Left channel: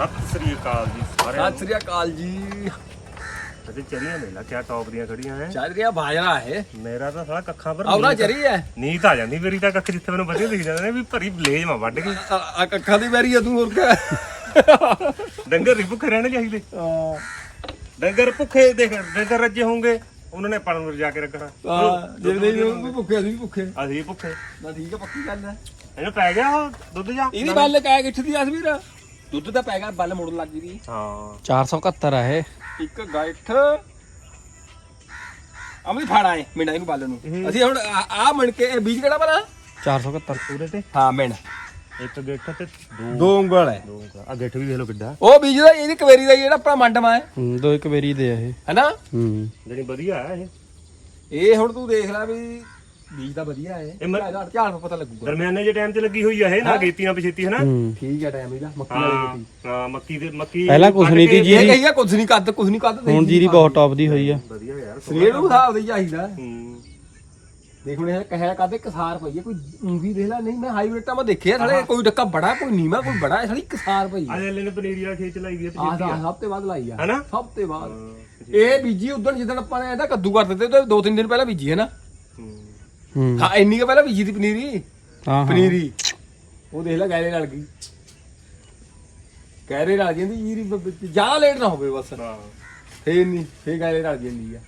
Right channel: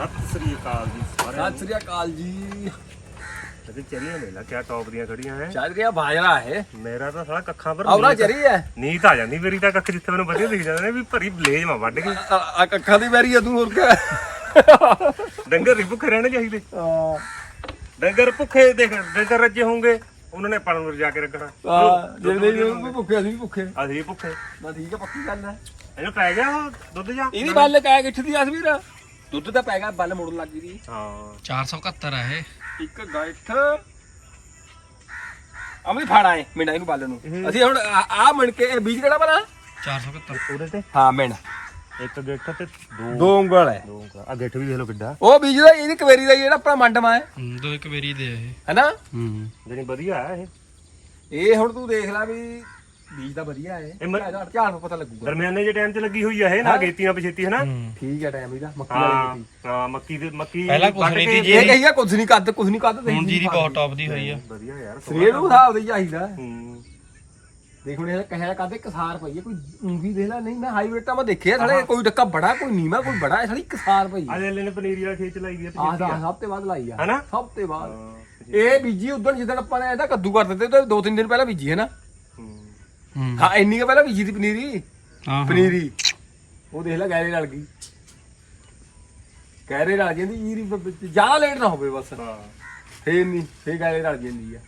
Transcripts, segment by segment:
ਸਤਿ ਸ੍ਰੀ ਅਕਾਲ ਜੀ ਸਾਰਿਆਂ ਸਤਿ ਸ੍ਰੀ ਅਕਾਲ ਜੀ। ਤੇ ਚਰੀਆਂ ਦੇ ਲਾ ਕਿਆ ਟੌਪ ਦੀਆਂ ਖੜੀਆਂ ਹੈ ਚੱਲ ਰਿਹਾ ਬਾਜਰਾ ਹੈ। ਮੇਰਾ ਤਾਂ ਸਾਲਾ ਕੱਖਾਂ ਪਰ ਆਉਣਾ ਨੀਂਦ- ਚਰੀ ਹੈ ਨੀਂਦ ਆ ਜਾਂਦੀ ਮੇਰੀ ਤਾਂ ਕੱਖ ਜਿੱਥੇ ਮੈਨੂੰ ਵਧੀਆ ਦਿਖ ਜਾਂਦੇ ਨੇ ਵੀ ਭਰੀ ਬਲੇਜ ਮਾ ਵੱਢ ਕੇ। ਆ ਕੱਖਾਂ ਦੀ ਵਾਰੀ ਆ ਤੂੰ ਹੋਰ ਕਿਆ? ਡੰਗਰ ਵੀ ਭੁੱਖੇ ਰਹਿਣੇ ਚਾਹੀਦੇ ਡੰਗਰ ਭੁੱਖੇ ਦੇਖ ਡੰਗਰ ਰੱਜੇ ਹੋਣਗੇ ਉਹਨਾਂ ਨੇ ਪੜਨ ਨੂੰ ਜਾ ਕੇ ਰੱਖਣਾ। ਆ ਜੇ ਨਹੀਂ ਉਹ ਭੁੱਖੇ ਅਸੀਂ ਵੀ ਭੁੱਖੇ। ਅਸੀਂ ਭੁੱਖੇ। ਨਾ ਠੀਕ ਹੈ ਪੱਕੀ ਗੱਲ ਹੈ ਇਹਨੂੰ ਪੈ ਗਿਆ ਉਹ ਦੁੱਧ ਜਾ? ਇਹਦੀ ਬੱਲ ਕਹਿ ਗਿੱਠ ਦੀ ਅਸਵੀਰ ਦੁੱਧ ਤਾਂ ਪੈ ਗਿਆ ਬੱਲ ਮੋੜਨ ਲੱਗ ਗਈ ਹਾਂ। 471 ਆ ਇਹ। ਇੱਕ ਗਾਇਠ। ਅਮਲੀ ਫਾੜਾ ਹੈ ਮਿੰਡਾ ਇਹਨੂੰ ਬੱਲ ਨੂੰ। ਅਸੀਂ ਹੁਣ ਆ ਮਣ ਕੇ ਇਹ ਬੀਜ ਕਿਹੜਾ ਬਣਾ 471 ਉਹਦੇ ਤੇ। ਹਾਂ ਮਿੰਡ ਇੱਕ ਗਿੱਠ ਤੇ ਦੋ ਦੋ ਉਂਗਲ ਹੈ। ਦੋ ਆ ਗਿੱਠ ਵੀ ਦੇਖ ਲਓ ਕਿੱਡਾ। ਉਹ ਬੀਜ ਦਾ ਇਹਦੀ ਕਵੇਰੀ ਦਾ ਜਿਹੜਾ ਆਪਣਾ ਮੰਡਮਾ ਹੈ। ਹੂੰ, ਦੋ ਇੱਕ ਵਾਰੀ ਦੇ ਆ ਇਹ। ਹੈਨਾ? ਹੂੰ। ਜਿਹੜੀ ਵਧੀਆ ਹੈ ਇਹ। ਇਹ ਹੁਣ ਤੂੰ ਦੇਖ ਲੈ ਵੀ ਬੀਜ ਤਾਂ ਵਧੀਆ ਹੈ। ਇਹ ਮ- ਝਾੜ ਝਾੜ ਨੂੰ ਪਤਾ ਲੱਗੂਗਾ। ਦਰਮਿਆਨੇ ਜੇ ਟਾਈਮ 'ਚ ਲੱਗੀ ਹੋਈ ਆ ਇਹ ਨਾ ਗੇਤੀ ਨਾ ਪਛੇਤੀ ਹੈ ਨਾ ਹੂੰ। ਠੀਕ ਹੈ ਟਾਈਮ ਇਹਦਾ ਮੱਕੀ ਵਾਲੀ ਹਾਂ ਮਿੱਟੀ ਹਾਂ ਮੱਕੀ ਦੇ ਮੱਕੀ ਪਹਿਲਾਂ ਕੁਛ ਵੱਢ ਨਹੀਂ ਕੇ- ਤੀ ਇਹ ਕਹੀਆ ਕੁਝ ਨਹੀਂ ਕੱਦ ਕੁਝ ਨਹੀਂ ਕੱਦ ਹੁਣ ਜੀਰੀ ਬਹੁਤ ਟੌਪ ਦੀ ਹੋਈ ਆ। ਵਧੀਆ ਯਾਰ ਸਰੀਰ ਨੂੰ ਹਿਸਾਬ ਦੇ ਚਾਹੀਦਾ। ਹੂੰ। ਦੇਖ ਹੁਣ ਇਹ ਕਹਿਆ ਕਾਦੇ ਕਸਾਰ ਪਈ ਹੈ ਕੋਈ ਉਂਗੀ ਦੇਖ ਲੈ ਨਹੀਂ ਮੈਂ ਹਾਈਬ੍ਰਿਡ ਤਾਂ ਮੈਂ ਦੇਖਿਆ ਥਲੇ ਕੋਈ ਡੱਕਾ ਬੜਾ ਕੋਈ ਨੀਵਾ ਕੋਈ ਬੜਾ ਹੈ ਥਲੀ ਕਸਾਰ ਪਈ ਹੈ ਅਜੇ ਲੈਨੇ ਪਨੀਰੀ ਵਾਲਾ ਖੇਤ ਲਾਈ ਵੀ ਆ ਆਹ ਪਛੇਤੀ ਸਭ ਤੇ ਬਾਅਦ ਲਾਈ ਆ। ਹੈਨਾ? ਸਭ ਤੇ ਬਾਅਦ ਹਾਂ ਇਹ ਬੀਜੀ ਉਦੋਂ ਜਿੱਦਣ ਆਪਾਂ ਨੇ ਇਹਦਾ ਕੱਦੂ ਕਰ ਦਿੱਤੇ ਤੇ ਦੋ ਤਿੰਨ ਦਿਨ ਪਹਿਲਾਂ ਬੀਜੀ ਹੈ ਨਾ। ਹੂੰ। ਹਾਂ ਇੰਨੀ ਕੁ ਪਹਿਲਾਂ ਬੀਜੀ ਦੀ ਪਨੀਰੀ। ਹਾਂ ਹਾਂ। ਪਨੀਰੀ। ਉਹ ਦੇਖ ਲੈ ਗੈਰੇ ਨਾਲ ਗਈ। ਗੈਰੇ ਨਾਲ ਜਾਂਦੀ ਜੀਰੀ ਜ਼ਿਆਦਾ ਲੇਟ ਨਾ ਹੋਵੇ ਬਸ। ਹਾਂ। ਫੇਰ ਨਹੀਂ ਫੇਰ ਗੈਰੇ ਨਾਲ ਜਾਂਦੀ ਆ।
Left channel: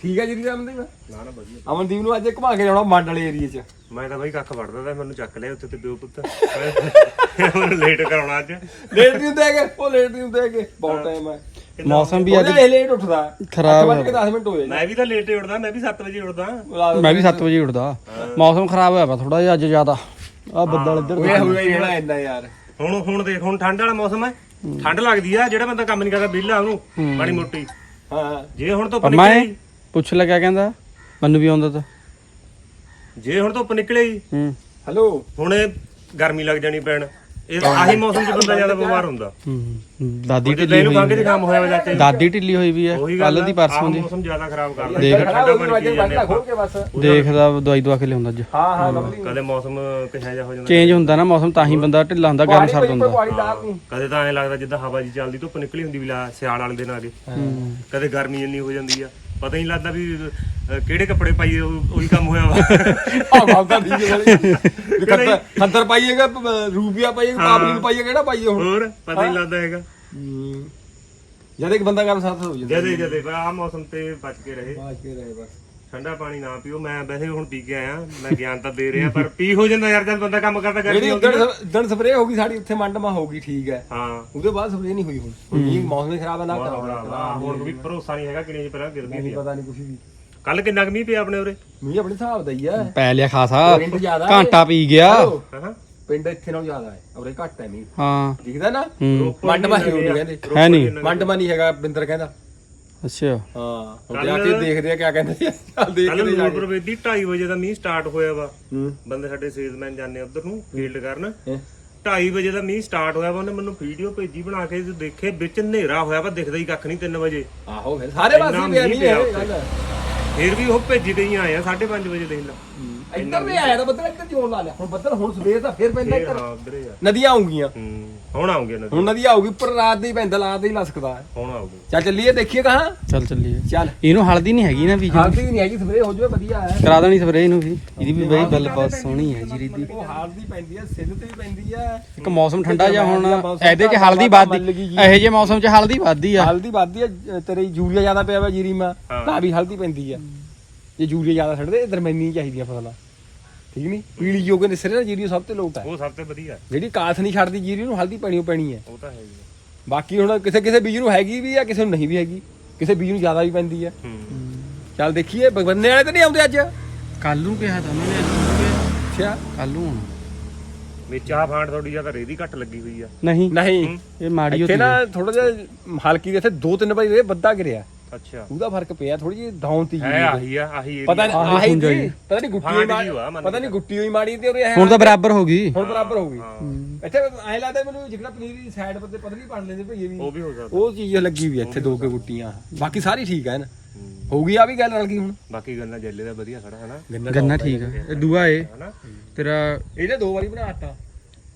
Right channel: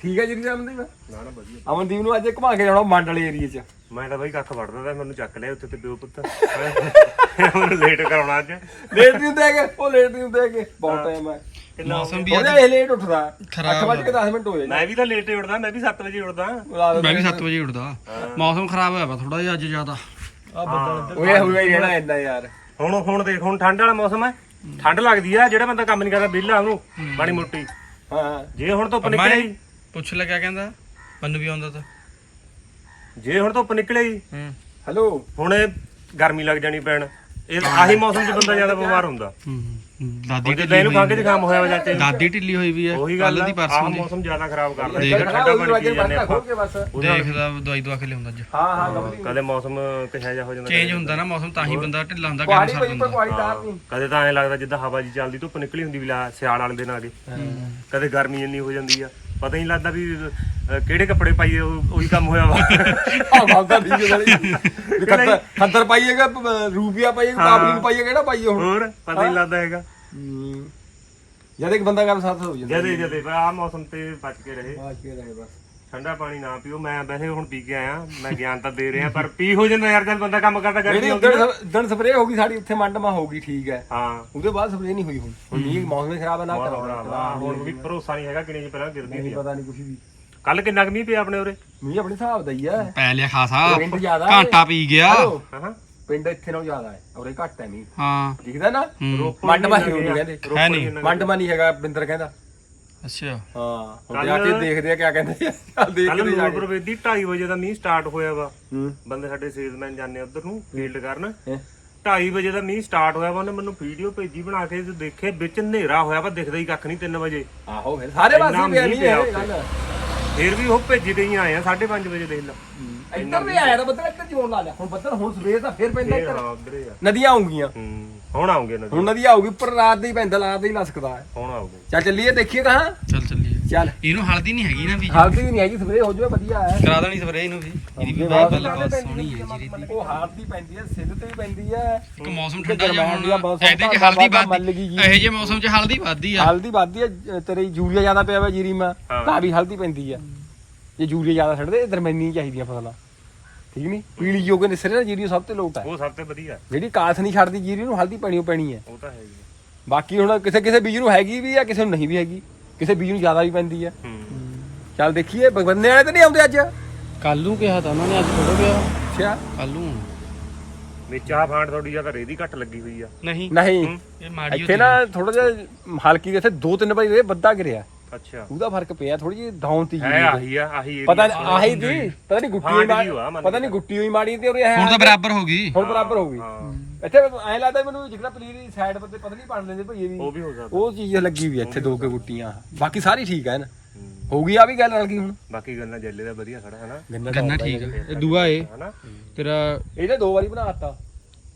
ਠੀਕ ਹੈ ਜੀਰੀ ਦਾ ਅਮਨਦੀਪ ਨਾ ਨਾ ਵਧੀਆ। ਅਮਨਦੀਪ ਨੂੰ ਅੱਜ ਘੁਮਾ ਕੇ ਜਾਣਾ ਮੰਡ ਵਾਲੇ ਏਰੀਏ 'ਚ। ਮੈਂ ਤਾਂ ਬਾਈ ਕੱਖ ਵੜਦਾ ਤਾਂ ਮੈਨੂੰ ਚੱਕ ਲਿਆ ਉੱਥੇ ਤੇ ਪਿਓ ਪੁੱਤ ਮੈਨੂੰ ਲੇਟ ਕਰਾਉਣਾ ਅੱਜ। ਲੇਟ ਨਹੀਂ ਹੁੰਦੇ ਹੈਗੇ ਉਹ ਲੇਟ ਨਹੀਂ ਹੁੰਦੇ ਹੈਗੇ ਬਹੁਤ ਟਾਈਮ ਹੈ। ਮੌਸਮ ਵੀ ਅੱਜ ਇਹ ਲੇਟ ਉੱਠਦਾ। ਖਰਾਬ 8 ਵਜੇ ਕੇ 10 ਮਿੰਟ ਹੋਏ ਮੈਂ ਵੀ ਤਾਂ ਲੇਟ ਹੀ ਉੱਠਦਾ ਮੈਂ ਵੀ 7 ਵਜੇ ਉੱਠਦਾ। ਮੈਂ ਵੀ 7 ਵਜੇ ਉੱਠਦਾ। ਮੌਸਮ ਖਰਾਬ ਹੋਇਆ ਵਾ ਥੋੜਾ ਜਿਹਾ ਅੱਜ ਜ਼ਿਆਦਾ। ਆ ਬੱਦਲ ਇੱਧਰ ਹੋਇਆ ਹੋਇਆ ਹੀ ਰਹਿਣਾ ਇੰਨਾ ਯਾਰ। ਹੁਣ ਹੁਣ ਦੇਖ ਹੁਣ ਠੰਡ ਵਾਲਾ ਮੌਸਮ ਹੈ। ਠੰਡ ਲੱਗਦੀ ਆ ਜਿਹੜਾ ਬੰਦਾ ਕੰਮ ਨਹੀਂ ਕਰਦਾ ਵਿਹਲਾ ਉਹਨੂੰ ਹੂੰ। ਮਾੜੀ ਮੋਟੀ। ਹਾਂ। ਜੇ ਹੁਣ ਨਿਕਲੇ। ਪੁੱਛ ਲੈ ਕਿਆ ਕਹਿੰਦਾ ਮੈਨੂੰ ਵੀ ਆਉਂਦਾ ਤਾਂ। ਜੇ ਹੁਣ ਧੁੱਪ ਨਿਕਲੇ ਹੂੰ ਹੈਲੋ ਹੁਣ ਇਹ ਗਰਮੀ ਲੱਗ ਜਾਣੀ ਪੈਣ। ਇਹ ਆਹੀ ਮੌਸਮ 'ਚ ਬੰਦਾ ਜ਼ਿਆਦਾ ਬਿਮਾਰ ਹੁੰਦਾ। ਹੂੰ ਦਾਦੀ ਢਿੱਲੀ ਇਹਨੂੰ ਖੰਘ ਹੋਈ ਜ਼ੁਕਾਮ ਹੋਇਆ ਵਾ ਚਾਚੇ ਨੂੰ। ਦਾਦੀ ਢਿੱਲੀ ਹੋਈ ਵੀ ਹੈ ਉਹੀ ਗੱਲ ਕੱਲ ਦੀ ਆਹ ਪਰਸੋਂ ਦੀ। ਮੌਸਮ ਜ਼ਿਆਦਾ ਖਰਾਬ ਕਰਦਾ ਦੇਖ। ਠੰਡਾ ਪਾਣੀ ਪੀ ਜਾਂਦੇ ਆਪਾਂ। ਦੇਖਦਾ ਦਵਾਈ ਦਵਾ ਕੇ ਲਿਆਉਂਦਾ ਅੱਜ। ਹਾਂ ਹਾਂ ਕਦੇ ਮੌਸਮ ਕਿਹੋ ਜਿਹਾ ਹੋ ਜਾਂਦਾ। ਚੇਂਜ ਹੁੰਦਾ ਨਾ ਮੌਸਮ ਤਾਂ ਹੀ ਬੰਦਾ ਢਿੱਲਾ ਹੁੰਦਾ ਗਰਮ ਸਰਦ ਹੁੰਦਾ। ਹਾਂ, ਕਦੇ ਤਾਂ ਐਂ ਲੱਗਦਾ ਜਿੱਦਾਂ ਹਵਾ ਜੀ ਚੱਲਦੀ ਧੁੱਪ ਨਿਕਲੀ ਹੁੰਦੀ ਵੀ ਲਾ ਸਿਆਲ ਵਾਲੇ ਦਿਨ ਆ ਗਏ। ਹੂੰ। ਕਦੇ ਗਰਮੀ ਇੰਨੀ ਹੋ ਜਾਂਦੀ ਆ। ਪਤਾ ਹੀ ਨਹੀਂ ਲੱਗਦਾ ਵੀ ਅਹ, ਕਿਹੜੇ ਕੱਪੜੇ ਪਾਈਏ ਉਹ- ਉਹੀ ਕੰਮ ਹੋਇਆ ਵਾ। ਆ ਬਾਬਾ ਠੀਕ ਹੈ ਵਾਲੀ ਖੱਤਰ ਖੱਤਰ ਪਾਈਏਗਾ ਪ- ਰੂਪੀਆ ਪਾਈਏਗਾ ਪਾਬਲਿਕ ਪਾਈਏ ਕਿਹੜਾ ਪਾਈਏ ਹੁਣ? ਹੋਰ ਪਤਾ ਹੀ ਲੱਗਦਾ ਹੈਗਾ। ਜਦ ਇੱਕ ਬੰਦਾ ਗੱਲ ਸਾਥ ਹੋ ਜਾਂਦਾ। ਜਦੇ ਜਦੇ ਪਰ ਆਹ ਮੌਸਮ ਤੇ ਬਚ ਕੇ ਰਹੇ। ਬਾਜ ਕੇ ਰਹੇ ਬਸ। ਠੰਡਾ ਪਾਣੀ ਨਾ ਪੀਓ। ਮੈਂ ਵੈਸੇ ਹੁਣ ਪੀ ਕੇ ਆਇਆ। ਮੈਂ ਗਿਆਨ ਤਾਂ ਦੇ ਰਿਹਾ ਪਰ ਪੀ ਹੋ ਜਾਂਦਾ ਯਾਰ ਜਦ ਬੰਦਾ ਕੰਮ ਕਰਦਾ ਗਰਮੀ ਜਿਹੜੀ ਆਉਂਦੀ ਨਾ। ਉਦਣ ਸਪਰੇਅ ਹੋ ਗਈ ਸਾਡੀ ਉੱਥੇ ਮੰਡਮਾ ਹੋ ਗਈ ਠੀਕ ਹੈ। ਹਾਂ। ਉਹਦੇ ਬਾਅਦ ਸਪਰੇਅ ਨਹੀਂ ਹੋਈ ਹੁਣ। ਹੁਣ ਮੀਂਹ ਮੌਸਮ ਖਰਾਬ ਹੈ ਨਾ ਕਰਾਉਣਾ ਹੁਣ ਵੀ ਭਰੋਸਾ ਨਹੀਂ ਹੈਗਾ ਕਿੰਨੇ ਪਹਿਲਾਂ ਗਿਰਦੀ ਨਹੀਂ ਸੀ ਪਤਾ ਨਹੀਂ ਕੁਝ ਵੀ। ਕੱਲ ਕਿੰਨਾ ਕੁ ਮੀਂਹ ਪਿਆ ਆਪਣੇ ਉਰੇ? ਮੀਂਹ ਆਪਣੇ ਹਿਸਾਬ ਦਾ ਹੀ ਹੈ ਪੈ ਲਿਆ ਖਾਸਾ। ਪਿੰਡ ਜ਼ਿਆਦਾ ਹੈ। ਘੰਟਾ ਪੀ ਗਿਆ। ਹੈਲੋ, ਹਾਂ ਪਿੰਡ ਇੱਥੇ ਨਾਲੋਂ ਜ਼ਿਆਦਾ ਹੈ। ਔਰੇ ਘੱਟ ਹੈ ਮੀਂਹ। ਹਾਂ। ਦਿਖਦਾ ਨਾ? ਹੂੰ। ਮੰਡਮਾ ਹੀ ਹੋਣੀ ਕਹਿੰਦੇ। ਹੈ ਨਹੀਂ। ਮੰਡਮਾ ਨਹੀਂ ਹੈਗਾ ਬਿੰਦਰ ਕਹਿੰਦਾ। ਅੱਛਾ। ਹਾਂ। ਹੁਣ ਜਾ ਕੇ ਦੇਖਦੇ ਆ ਕਿਆ ਕਹਿੰਦੇ ਆ। ਚੱਲ ਕੱਲ ਦੇਖਦੇ ਜਾ ਕੇ। ਪ੍ਰਵੇਦੀ 2:30 ਵਜੇ ਦਾ ਮੀਂਹ ਸਟਾਰਟ ਹੋਇਆ ਵਾ। ਹੂੰ। ਬੰਦੇ ਸਾਡੇ ਸੇਲਸਮੈਨ ਜਾਂਦੇ ਉਧਰ ਨੂੰ ਫੀਲਡ ਕਰਨ। ਹੈਂ। 2:30 ਵਜੇ ਦਾ ਮੀਂਹ ਸਟਾਰਟ ਹੋਇਆ ਵਾ ਉਹਨੇ ਮੈਨੂੰ ਵੀਡੀਓ ਭੇਜੀ ਬਣਾ ਕੇ ਤੇ ਦੇਖੇ ਵਿੱਚ ਹਨੇਰਾ ਹੋਇਆ ਵਾ ਦਿਖਦਾ ਹੀ ਕੱਖ ਨਹੀਂ 3 ਵਜੇ। ਆਹੋ ਫਿਰ ਸਾਰੇ ਇੰਨਾ ਪਾਸੇ ਪਿਆ ਮੀਂਹ ਨਹੀਂ ਪਿਆ ਇਹ ਉੱਥੇ। ਗੱਲ। ਫੇਰ ਵੀ ਉਹ ਭੇਜੀ ਤੇ ਹੀ ਆਏ ਆ 5:30 ਵਜੇ ਦੇਖ ਲਾ। ਇੱਧਰ ਵੀ ਆਇਆ ਤਾਂ ਬੱਦਲ ਇੱਧਰ ਜੋਰ ਲਾ ਲਿਆ। ਹੁਣ ਬੱਦਲ ਹੁਣ ਸਵੇਰ ਦਾ ਫੇਰ ਪੈਂਦਾ ਇੱਧਰ। ਹਾਂ ਉਧਰ ਹੀ ਆ। ਨਦੀਆਂ ਆਉਂਗੀਆਂ। ਹੂੰ ਹੁਣ ਆਉਂਗੇ ਨਦੀ ਹੁਣ ਨਦੀ ਆਊਗੀ ਉੱਪਰ ਰਾਤ ਦੇ ਹੀ ਪੈਂਦਾ ਰਾਤ ਦੇ ਹੀ ਲਸਕਦਾ ਹੈ। ਹੁਣ ਆਉਂਗੇ। ਚੱਲ ਚੱਲੀਏ ਦੇਖੀਏ ਕਹਾਂ ਚੱਲ ਚੱਲੀਏ। ਚੱਲ। ਇਹਨੂੰ ਹਲਦੀ ਨਹੀਂ ਹੈਗੀ ਨਾ ਵੀ। ਹਾਲਦੀ ਵੀ ਨਹੀਂ ਹੈਗੀ ਸਵੇਰੇ ਹੋ ਜਾਵੇ ਵਧੀਆ ਹੈ। ਕਰਾ ਦੇਣੀ ਸਪਰੇਅ ਇਹਨੂੰ ਵੀ। ਇਹਦੀ ਵੀ ਬਹੁਤ ਗੱਲ ਬਹੁਤ ਸੋਹਣੀ ਹੈ ਜੀਰੀ ਦੀ। ਉਹ ਹਾਲਦੀ ਪੈਂਦੀ ਹੈ ਸਿੱਲ ਤੇ ਵੀ ਪੈਂਦੀ ਹੈ। ਇੱਕ ਮੌਸਮ ਠੰਡਾ ਜਿਹਾ ਹੁਣ ਇਹਦੇ 'ਚ ਹਲਦੀ ਵੱਧਦੀ ਇਹੋ ਜਿਹੇ ਮੌਸਮ 'ਚ ਹਲਦੀ ਵੱਧਦੀ ਆ। ਹਲਦੀ ਵੱਧਦੀ ਹੈ ਤੇਰੇ ਯੂਰੀਆ ਜ਼ਿਆਦਾ ਪਿਆ ਵਾ ਜੀਰੀ ਮਾ। ਤਾਂ ਵੀ ਹਲਦੀ ਪੈਂਦੀ ਹੈ। ਜੇ ਯੂਰੀਆ ਜ਼ਿਆਦਾ ਛੱਡਦੇ ਦਰਮਿਆਨੀ ਚਾਹੀਦੀਆਂ ਫਸਲਾਂ। ਠੀਕ ਨਹੀਂ? ਪੀਲੀ ਜੋਗੇ ਨਿਸਰੇ ਨਾ ਜੀਰੀ ਸਭ ਤੋਂ ਲੋਟ ਹੈ। ਉਹ ਸਭ ਤੋਂ ਵਧੀਆ। ਜਿਹੜੀ ਕਾਸ ਨਹੀਂ ਛੱਡਦੀ ਜੀਰੀ ਨੂੰ ਹਲਦੀ ਪੈਣੀ ਪੈਣੀ ਹੈ। ਉਹ ਤਾਂ ਹੈ ਹੀ ਆ। ਬਾਕੀ ਹੁਣ ਕਿਸੇ ਕਿਸੇ ਬੀਜ ਨੂੰ ਹੈਗੀ ਵੀ ਆ ਕਿਸੇ ਨੂੰ ਨਹੀਂ ਵੀ ਹੈਗੀ। ਕਿਸੇ ਬੀਜ ਨੂੰ ਜ਼ਿਆਦਾ ਵੀ ਪੈਂਦੀ ਹੈ। ਹੂੰ। ਚੱਲ ਦੇਖੀਏ ਬੰਨੇ ਵਾਲੇ ਤਾਂ ਨਹੀਂ ਆਉਂਦੇ ਅੱਜ। ਕੱਲ ਨੂੰ ਕਿਹਾ ਤਾਂ ਉਹਨਾਂ ਨੇ ਅੱਜ ਥੋੜਾ ਗਿਆ ਅੱਛਾ। ਕੱਲ ਨੂੰ ਹੋਣਾ। ਵਿੱਚ ਆਹ ਫਾਂਟ ਥੋੜੀ ਜ਼ਿਆਦਾ ਰੇਦੀ ਘੱਟ ਲੱਗੀ ਹੋਈ ਆ। ਨਹੀਂ। ਨਹੀਂ। ਇਹ ਮਾੜੀ ਇੱਥੇ ਨਾ ਥੋੜਾ ਜਿਹਾ ਹਲਕੀ ਦੇ ਇੱਥੇ ਦੋ ਤਿੰਨ ਵਾਰੀ ਇਹ ਬੱਦਾ ਗਿਰਿਆ। ਅੱਛਾ। ਉਹਦਾ ਫ਼ਰਕ ਪਿਆ ਥੋੜੀ ਜਿਹੀ ਡਾਊਨ ਤੀ ਹੈ ਆਹੀ ਆ ਆਹੀ ਪਤਾ। ਨਹੀਂ ਆਹੀ ਸੀ ਪਤਾ ਨਹੀਂ ਗੁੱਟੀ ਹਾਂ, ਮੰਨ ਪਤਾ ਨਹੀਂ ਗੁੱਟੀ ਹੋਈ ਮਾੜੀ ਤੇ ਉਹਦੇ ਹੁਣ ਤਾਂ ਬਰਾਬਰ ਹੋ ਗਈ। ਹੁਣ ਬਰਾਬਰ ਹੋ ਗਈ। ਹਾਂ, ਇੱਥੇ ਐ ਲੱਗਦਾ ਮੈਨੂੰ ਜਿੱਦਾਂ ਪਨੀਰ ਦੀ ਸਾਈਡ ਤੇ ਪਤਲੀ ਬਣ ਲੈਂਦੇ ਭਈਏ ਦੀ ਉਹ ਵੀ ਹੋ ਸਕਦਾ। ਉਹ ਚੀਜ਼ ਲੱਗੀ ਵੀ ਇੱਥੇ ਦੋ ਕੇ ਗੁੱਟੀਆਂ। ਬਾਕੀ ਸਾਰੀ ਠੀਕ ਹੈ ਨਾ? ਹੂੰ। ਹੋ ਗਈ ਆ ਵੀ ਗੱਲ ਰਲ ਗਈ ਹੁਣ? ਬਾਕੀ ਗੱਲਾਂ ਜੱਲੇ ਦਾ ਵਧੀਆ ਖੜਾ ਹੈ ਨਾ? ਗੰਨਾ ਠੀਕ ਆ। ਇਹ ਦੂਆ ਏ। ਤੇਰਾ ਇਹਨੇ ਦੋ ਵਾਰੀ ਬਣਾਤਾ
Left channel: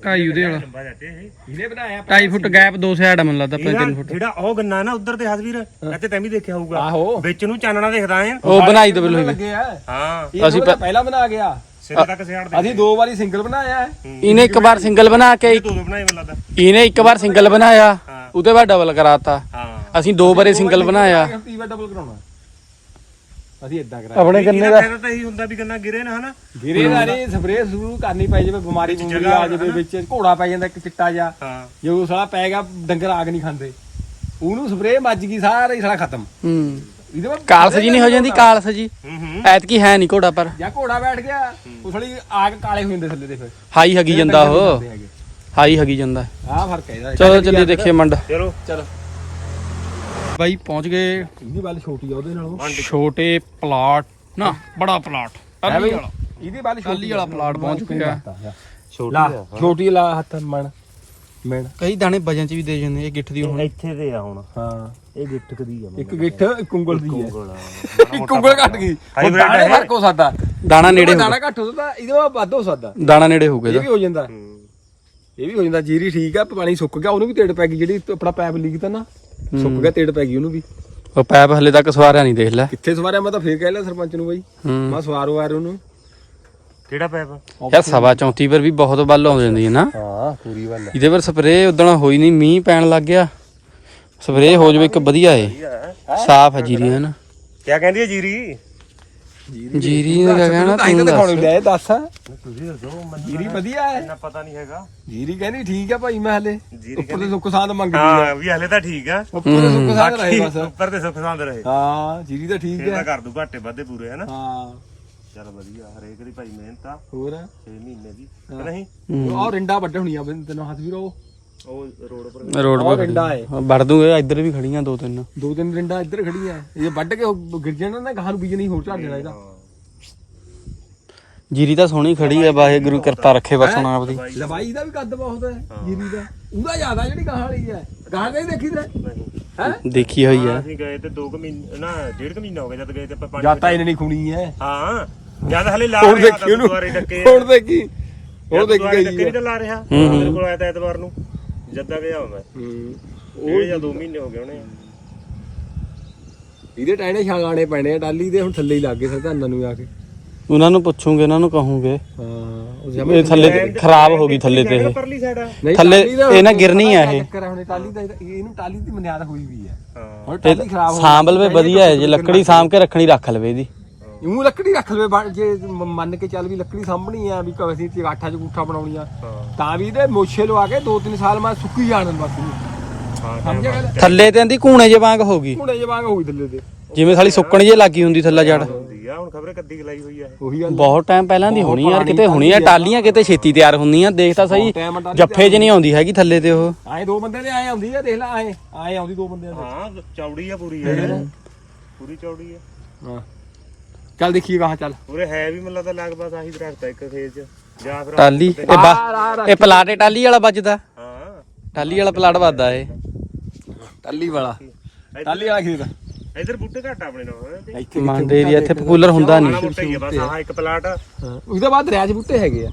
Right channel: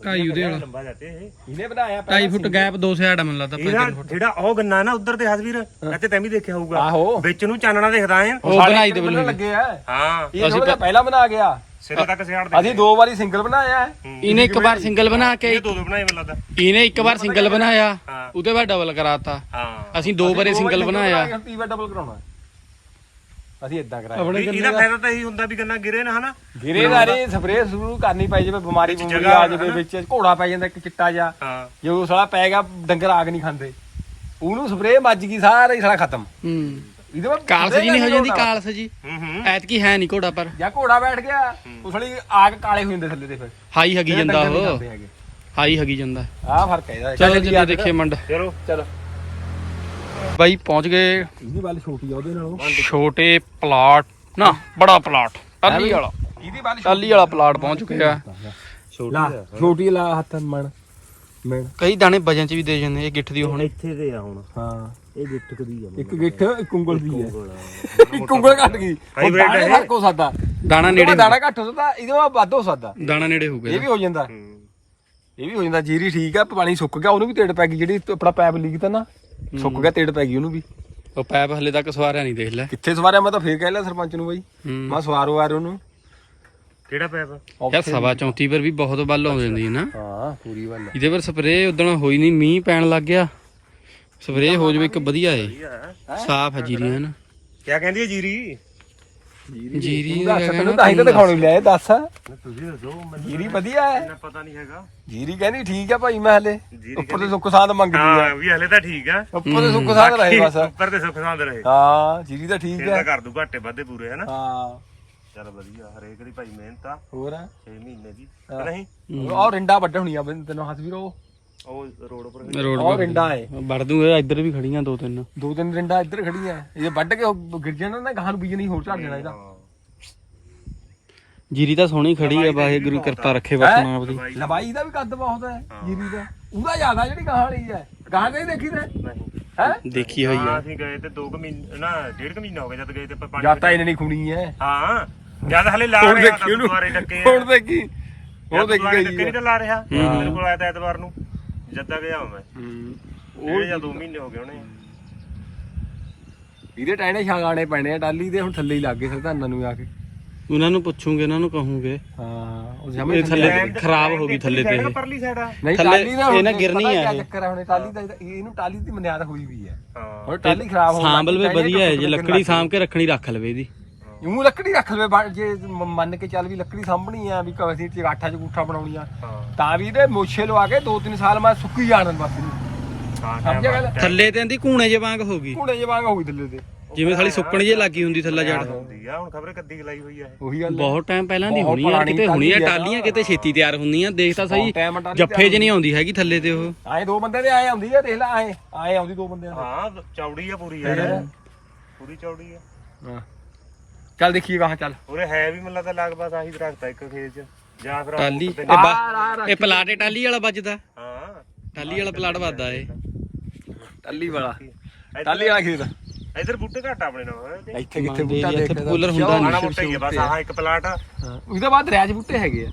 ਢਾਈ ਉਹਦੇ ਵਾਲਾ। ਲੰਬਾ ਜਾਂਦੇ ਇਹ। ਇਹਨੇ ਬਣਾਇਆ 2.5 ਫੁੱਟ ਗੈਪ ਦੋ ਸਾਈਡ ਆ ਮੈਨੂੰ ਲੱਗਦਾ ਇਹਦਾ 3 ਫੁੱਟ। ਜਿਹੜਾ ਉਹ ਗੰਨਾ ਨਾ ਉਧਰ ਤੇ ਹਸਵੀਰ ਇੱਥੇ ਤੈਂ ਵੀ ਦੇਖਿਆ ਹੋਊਗਾ। ਆਹੋ। ਵਿੱਚ ਨੂੰ ਚਾਨਣਾ ਦਿਖਦਾ ਐ। ਉਹ ਬਣਾਈ ਦੋ ਬਿਲਕੁਲ। ਲੱਗੇ ਆ। ਹਾਂ। ਇਹ ਅਸੀਂ ਪਹਿਲਾਂ ਬਣਾ ਗਿਆ। ਸਿਰੇ ਤੱਕ ਸਿਆੜ ਦੇ ਅਸੀਂ ਦੋ। ਵਾਰੀ ਸਿੰਗਲ ਬਣਾਇਆ ਹੈ। ਇਹਨੇ ਇੱਕ ਵਾਰ ਸਿੰਗਲ ਬਣਾ ਕੇ ਇਹ ਦੋ ਦੋ ਬਣਾਏ ਮੈਨੂੰ ਲੱਗਦਾ। ਇਹਨੇ ਇੱਕ ਵਾਰ ਸਿੰਗਲ ਬਣਾਇਆ। ਉਹਦੇ ਬਾਅਦ ਡਬਲ ਕਰਾਤਾ। ਹਾਂ। ਅਸੀਂ ਦੋ ਵਾਰੇ ਸਿੰਗਲ ਬਣਾਇਆ। ਤੀਵਾ ਡਬਲ ਕਰਾਉਣਾ। ਅਸੀਂ ਇਦਾਂ ਕਰਾਇਆ ਆਪਣੇ ਗੰਨੇ ਦਾ? ਫਾਇਦਾ ਤਾਂ ਇਹੀ ਹੁੰਦਾ ਵੀ ਗੰਨਾ ਗਿਰੇ ਨਾ ਹਨਾ? ਗਿਰੇ ਨਾਲੇ ਸਪਰੇਅ ਸ਼ੁਰੂ ਕਰਨੀ ਪਈ ਜਿਵੇਂ ਬਿਮਾਰੀ ਵਿੱਚ ਬੁਮਾਰੀ ਆ ਜਾਵੇ ਵਿੱਚ ਘੋੜਾ ਪੈ ਜਾਂਦਾ ਇੱਕ ਚਿੱਟਾ ਜਿਹਾ। ਹਾਂ। ਜੇ ਸਾਲਾ ਪੈ ਗਿਆ ਡੰਗਰ ਆਗ ਨਹੀਂ ਖਾਂਦੇ। ਉਹਨੂੰ ਸਪਰੇਅ ਮੱਜ ਗਈ ਸਾਰਾ ਹੀ ਸਾਲਾ ਖਤਮ। ਹੂੰ। ਇਹਦੇ ਬਾਅਦ ਕਾਲਸ ਜੀ ਨਹੀਂ ਹੋ ਜਾਂਦੀ ਕਾਲਸ ਜੀ। ਹੂੰ ਹੂੰ। ਐਤਕੀ ਹੈ ਨਹੀਂ ਘੋੜਾ ਪਰ। ਜਾਂ ਘੋੜਾ ਬੈਠ ਗਿਆ ਉਹ ਸਾਲੀ ਆਗ ਕਾਲੇ ਹੋ ਜਾਂਦੇ ਥੱਲੇ ਤੇ ਫਿਰ। ਹਾਈ ਹਗੀ ਜਾਂਦਾ ਉਹ। ਹਾਈ ਹਗੀ ਜਾਂਦਾ। ਆਹ ਫ਼ਰਕ ਹੈ ਇਹਦਾ। ਚਲੋ ਚੱਲੀਏ ਦੇਖੀਏ ਮੰਡ। ਚਲੋ। ਚਲੋ। ਬਾਈ ਪਹੁੰਚ ਗਏ। ਇਹਦੀ ਵੱਲ ਛੋਟੀ ਆ ਉਹਦੇ ਨਾਲੋਂ। ਛੋਟੇ ਪਲਾਟ। ਨਾ ਬੜਾ ਪਲਾਟ। ਟਾਲੀ ਵਾਲਾ। ਇਹਦੀ ਵੱਲ ਟਾਲੀ ਵਾਲਾ ਪਲਾਟ ਪਹੁੰਚ ਚੁੱਕਿਆ। ਲਾ ਛੋਟੀ ਲਾ ਹੱਥ ਮਣ ਮਣ। ਕਈ ਦਾਣੇ ਵਜਨ ਚ ਵੀ ਦੇ ਜਾਂਦੇ ਇਹ ਗਿੱਠ ਦੀ ਹੁਣ। ਇੱਥੇ ਤੇ ਆ ਹੁਣ। ਹਾਂ। ਇਹ ਗਿੱਟਕ ਦੀ ਆ ਇੱਕ ਗਿੱਠ ਇੱਕ ਉਂਗਲ ਦੀ ਹੈ ਇੱਕ ਉਂਗਲ ਘੱਟ ਗਈ। ਹੁਣ ਦਾਣੇ ਹੈ। ਫ਼ਰਕ ਹੋ ਸਕਦਾ। ਦਾਣਾ ਨੇੜੇ ਹੋਊਗਾ ਦਾਣਾ ਘੱਟ ਹੋ ਸਕਦਾ ਇਹਦੇ ਨਾਲ ਵੱਧ ਹੋ ਸਕਦਾ। ਦਾਣਾ ਨੇੜੇ ਹੋਊਗਾ ਇਹ ਇਹਦਾ। ਵੀ ਹੋ ਜਾਂਦਾ। ਇਹ ਵੀ ਹੋ ਜਾਂਦਾ। ਜੀਰੀ ਠੀਕ ਆ ਪਾਣੀ ਸੁੱਕ ਗਿਆ ਉਹਨੂੰ ਵੀ ਤੇੜ ਪੈ ਗਈ। ਜਿਹੜੀ ਆਪਣਾ ਪੈਪ ਲੀਕ ਤਾਂ ਨਾ ਸੁੱਕ ਗਿਆ ਤੇੜ ਪੈ ਗਈ ਉਹਨੂੰ ਵੀ। ਉਹ ਪੈਪ ਹਲੇ ਤੱਕ ਸਵਾਰਿਆ ਨਹੀਂ ਦੇਖ ਲੈ। ਕਿੱਥੇ ਸਵਾਰਿਆ? ਮੈਂ ਤਾਂ ਫੇਰ ਕਹਿ ਲਿਆ ਸਰਪੰਚ ਨੂੰ ਬਾਈ। ਹੂੰ। ਮੈਂ ਸਵਾਰੋ ਆ ਉਹਨੂੰ। ਕਿਹੜਾ ਪੈਪ? ਯਾਰ ਸਵਾ 34 ਪਰ ਵੀ ਬਹੁਤ ਬੱਲ ਆਉਂਦੀ ਹੈ ਨਾ। ਹਾਂ ਪੂਰੀ ਗੱਲ ਇਹਦੇ ਪਰ ਸਪਰੇਅ ਉਦਣ ਹੋਈ ਨਹੀਂ ਮੀਂਹ ਪੈਣ ਲੱਗ ਗਿਆ। ਸਪਰੇਅ ਹੋ ਜਾਵੇ ਇੱਕ ਵਧੀਆ ਏ। ਸਾਫ਼ ਹੈ ਜੀਰੀ ਹੈ ਨਾ। ਕੀ ਕਹਿੰਦੀ ਹੈ ਜੀਰੀ? ਜੀਰੀ ਨੂੰ ਕਿਆ ਕਹਿਣਾ ਤਾਂ ਹੀ ਤਾਂ ਤੂੰ ਦਿਖਾਉਣੀ ਦੱਸ। ਲੈ ਦੱਸ। ਤੁਸੀਂ ਦੱਸੋ ਜੀਰੀ ਵਧੀਆ ਹੈ। ਇੰਨਾ ਪਤਾ ਨਹੀਂ ਹੈਗਾ। ਜੀਰੀ ਕਹਿੰਦੀ ਠੀਕ ਆ ਭਾਈ ਮੈਂ ਹਲੇ ਉੱਪਰ ਤੇ ਸੁੱਕ ਸਾਂਦ ਮੰਗਦੀ ਆ। ਹਾਂ ਵੀ ਹਲੇ ਤਾਂ ਠੀਕ ਆ। ਉੱਪਰ ਤੇ ਸੁੱਕ ਸਾਂਦ ਰਹੇ ਬਸ। ਉੱਪਰ ਤੇ ਸੁੱਖ ਸੰਦ ਰਹੇ। ਹਾਂ ਜੀਰੀ ਤਾਂ ਠੀਕ ਫਿਰ ਹੈ। ਤਾਂ ਕਰ ਦੂ ਘਾਟੇ ਵਾਧੇ ਪੂਰੇ ਹਨਾ ਹਾਂ। ਚਲ ਵਧੀਆ ਹਰੇਕ ਦੀ ਭਾਈ ਮਿਹਨਤ ਆ। ਹੋਰ? 6 ਮਹੀਨੇ ਦੀ। ਨਹੀਂ? ਉਹ ਰਿੰਡਾ ਵੱਢ ਹੋਣੀ ਆ ਤੈਨੂੰ ਹੱਥ ਵੀਰੋ ਉਹ ਰੋਡ ਪਰ ਰੋਡ ਪਰ ਰਿੰਡਾ ਹੈ ਵੜ ਦੂੰਗੇ ਇੱਧਰ ਵੀ ਖੜੀਆਂ ਦੋ ਤਿੰਨ। ਦੋ ਤਿੰਨ ਰਿੰਡਾ ਇੱਧਰ ਖੜੀਆਂ। ਇਹ ਵੱਢ ਕੇ ਉਹ ਗਿਰ ਜਾਣਾ ਨਾ ਗਾਹਾਂ ਨੂੰ ਬੀਜਣੀ ਹੋਰ ਝੜ ਜਾਣਾ ਇਹਦਾ। ਜੀਰੀ ਤਾਂ ਸੋਹਣੀ ਖੜੀ ਹੈ ਵਾਹਿਗੁਰੂ ਕਿਰਪਾ ਰੱਖੇ ਬਸ ਹੁਣ ਆਪਦੀ। ਲਵਾਈ ਦਾ ਵੀ ਕੱਦ ਬਹੁਤ ਹੈ ਜੀਰੀ ਦਾ। ਉਹਦਾ ਜ਼ਿਆਦਾ ਜਿਹੜੀ ਗਾਹਾਂ ਵਾਲੀ ਹੈ। ਗਾਹਾਂ ਨਹੀਂ ਦੇਖੀ ਤੇ? ਨਹੀਂ। ਹੈ? ਦੇਖੀ ਹੋਈ ਹਾਂ ਹੈ ਅਸੀਂ ਗਏ ਤੇ 2 ਮਹੀਨੇ ਨਾ ਡੇਢ ਕੁ ਮਹੀਨਾ ਹੋ ਗਿਆ ਜਦ ਗਏ ਤੇ ਆਪਾਂ ਪਾਣੀ ਜਾਤਾ ਇਹਨੇ ਨਹੀਂ ਖੁਣੀ ਹੈ। ਹਾਂ ਜਦ ਹਲੇ ਲਾ ਹੁਣ ਰਿਹਾ ਦੇਖੀ ਤਾਂ ਉਹਨੂੰ। ਦੁਆਰੇ ਡੱਕੇ ਹੁਣ ਦੇਖੀ। ਉਹ ਉਹ ਦੇਖੀ ਦੁਆਰੇ ਗਈ ਡੱਕੇ ਹੈ। ਨਹੀਂ ਤਾਂ ਲਾ ਰਿਹਾ। ਮੇਰੇ ਕੋਲ ਆਇਆ ਤਾਂ ਐਤਵਾਰ ਨੂੰ। ਜੱਦਾ ਗਿਆ ਮੈਂ। ਹੂੰ। ਉਹ ਜਾਂ 2 ਮਹੀਨੇ ਹੋ ਗਏ ਉਹਨੇ ਇਹਦੇ ਟਾਇਨੇ ਛਾਗਾਣੇ ਪੈਣੇ ਆ ਟਾਲੀ ਦੇ ਹੁਣ ਥੱਲੇ ਹੀ ਲੱਗ ਗਏ ਸਰਦਾਨਾਂ ਨੂੰ ਆ ਕੇ। ਉਹਨਾਂ ਨੂੰ ਪੁੱਛੂਗੇ ਉਹਨਾਂ ਨੂੰ ਕਹੂੰਗੇ। ਹਾਂ ਉਹ ਇਹ ਥੱਲੇ ਖਰਾਬ ਹੋ ਗਈ ਥੱਲੇ ਤੇ ਇਹ। ਪਰਲੀ ਸਾਈਡ ਆ। ਨਹੀਂ ਥੱਲੇ ਟਾਹਲੀ ਦਾ ਹੁਣ ਇਹ ਨਾ ਪਤਾ ਗਿਰਨੀ ਕਿਆ ਆ ਇਹ। ਚੱਕਰ ਆ ਹੁਣ ਟਾਲੀ ਦਾ ਇਹਦਾ- ਇਹਨੂੰ ਟਾਲੀ ਦੀ ਮਨਿਆਦ ਹੋਈ ਵੀ ਹੈ। ਹਾਂ। ਹੁਣ ਟਾਲੀ ਖਰਾਬ ਹੋ ਸਾਂਭ ਲਵੇ ਵਧੀਆ ਹੈ ਜੇ ਲੱਕੜੀ ਸਾਂਭ ਕੇ ਰੱਖਣੀ ਰੱਖ ਲਵੇ ਇਹਦੀ। ਉਹ ਲੱਕੜੀ ਰੱਖ ਲਵੇ ਬਣ- ਜੇ ਮ- ਮੰਨ ਕੇ ਚੱਲ ਵੀ ਲੱਕੜੀ ਸਾਂਭਣੀ ਆ ਵੀ ਕਵਸੀ ਤੇ ਆਠਾ ਚ ਗੁੱਠਾ ਬਣਾਉਣੀ ਆ ਹਾਂ। ਤਾਂ ਵੀ ਇਹਦੇ ਮੋਛੇ ਲਵਾ ਕੇ 2-3 ਸਾਲ ਮੈਂ ਸੁੱਕੀ ਜਾਣ ਬਸ ਇਹਨੂੰ। ਹਾਂ ਸਮਝਿਆ ਗੱਲ? ਥੱਲੇ ਤੇ ਆਂਦੀ ਕੂਣੇ ਜੇ ਵਾਂਗ ਹੋ ਗਈ। ਘੁੰਡੇ ਜਵਾਂਗ ਹੋਈ ਥੱਲੇ ਤੇ। ਜਿਵੇਂ ਸਾਲੀ ਸੁੱਕਣ ਜੇ ਲੱਗੀ ਹੁੰਦੀ ਥੱਲਾ ਜੜ। ਹੁੰਦੀ ਆ ਹੁਣ ਖਬਰੇ ਕੱਦੀ ਗਲਾਈ ਹੋਈ ਆ ਇਹ। ਉਹੀ ਗੱਲ ਬਹੁਤ ਟਾਈਮ ਪਹਿਲਾਂ ਦੀ ਬਹੁਤ ਹੋਣੀ ਯਾਰ ਪੁਰਾਣੀ ਕਿਤੇ ਹੋਣੀ ਆ ਟਾਹਲੀ ਆ। ਟਾਲੀਆਂ ਕਿਤੇ ਛੇਤੀ ਤਿਆਰ ਹੁੰਦੀਆਂ ਦੇਖ ਤਾਂ ਸਹੀ ਜੱਫੇ 'ਚ ਨਹੀਂ ਆਉਂਦੀ ਹੈਗੀ ਥੱਲੇ ਤੇ ਉਹ। ਆਏ ਦੋ ਬੰਦੇ ਦੇ ਆਏ ਆਉਂਦੀ ਆ ਦੇਖ ਲੈ ਆਏ ਆਏ ਆਉਂਦੀ ਦੋ ਬੰਦਿਆਂ ਦੇ। ਹਾਂ ਚੌੜੀ ਆ ਪੂਰੀ ਯਾਰ ਪੂਰੀ ਚੌੜੀ ਆ। ਹਾਂ। ਚੱਲ ਦੇਖੀਏ ਕਹਾਂ ਚੱਲ। ਉਰੇ ਹੈ ਵੀ ਮੈਨੂੰ ਲੱਗਦਾ ਲਗਭਗ ਆਹੀ ਦਰਖਤ ਆ ਇੱਕ ਖੇਤ 'ਚ ਜਾਂ ਫਿਰ ਟਾਲੀ ਇਹ ਬਾ ਇਹ ਪਲਾਟੇ ਟਾਲੀ ਵਾਲਾ ਵੱਜਦਾ। ਹਾਂ। ਟਾਲੀ ਵਾਲਾ ਪਲਾਟ ਵੱਜਦਾ ਏ ਟੱਲੀ ਵਾਲਾ। ਟੱਲੀ ਵਾਲਾ ਖੇਤ। ਇਧਰ ਬੂਟੇ ਘੱਟ ਆ ਆਪਣੇ ਨਾਲ। ਇੱਥੇ ਮੰਨਦੇ ਜੀ, ਇੱਥੇ ਕੂਲਰ ਹੁੰਦਾ ਨਹੀਂ। ਆ ਬਸ ਆਹ ਇੱਕ ਪਲਾਟ। ਉਹਦੇ ਬਾਅਦ ਦਰਿਆ 'ਚ ਬੂਟੇ ਹੈਗੇ ਆ।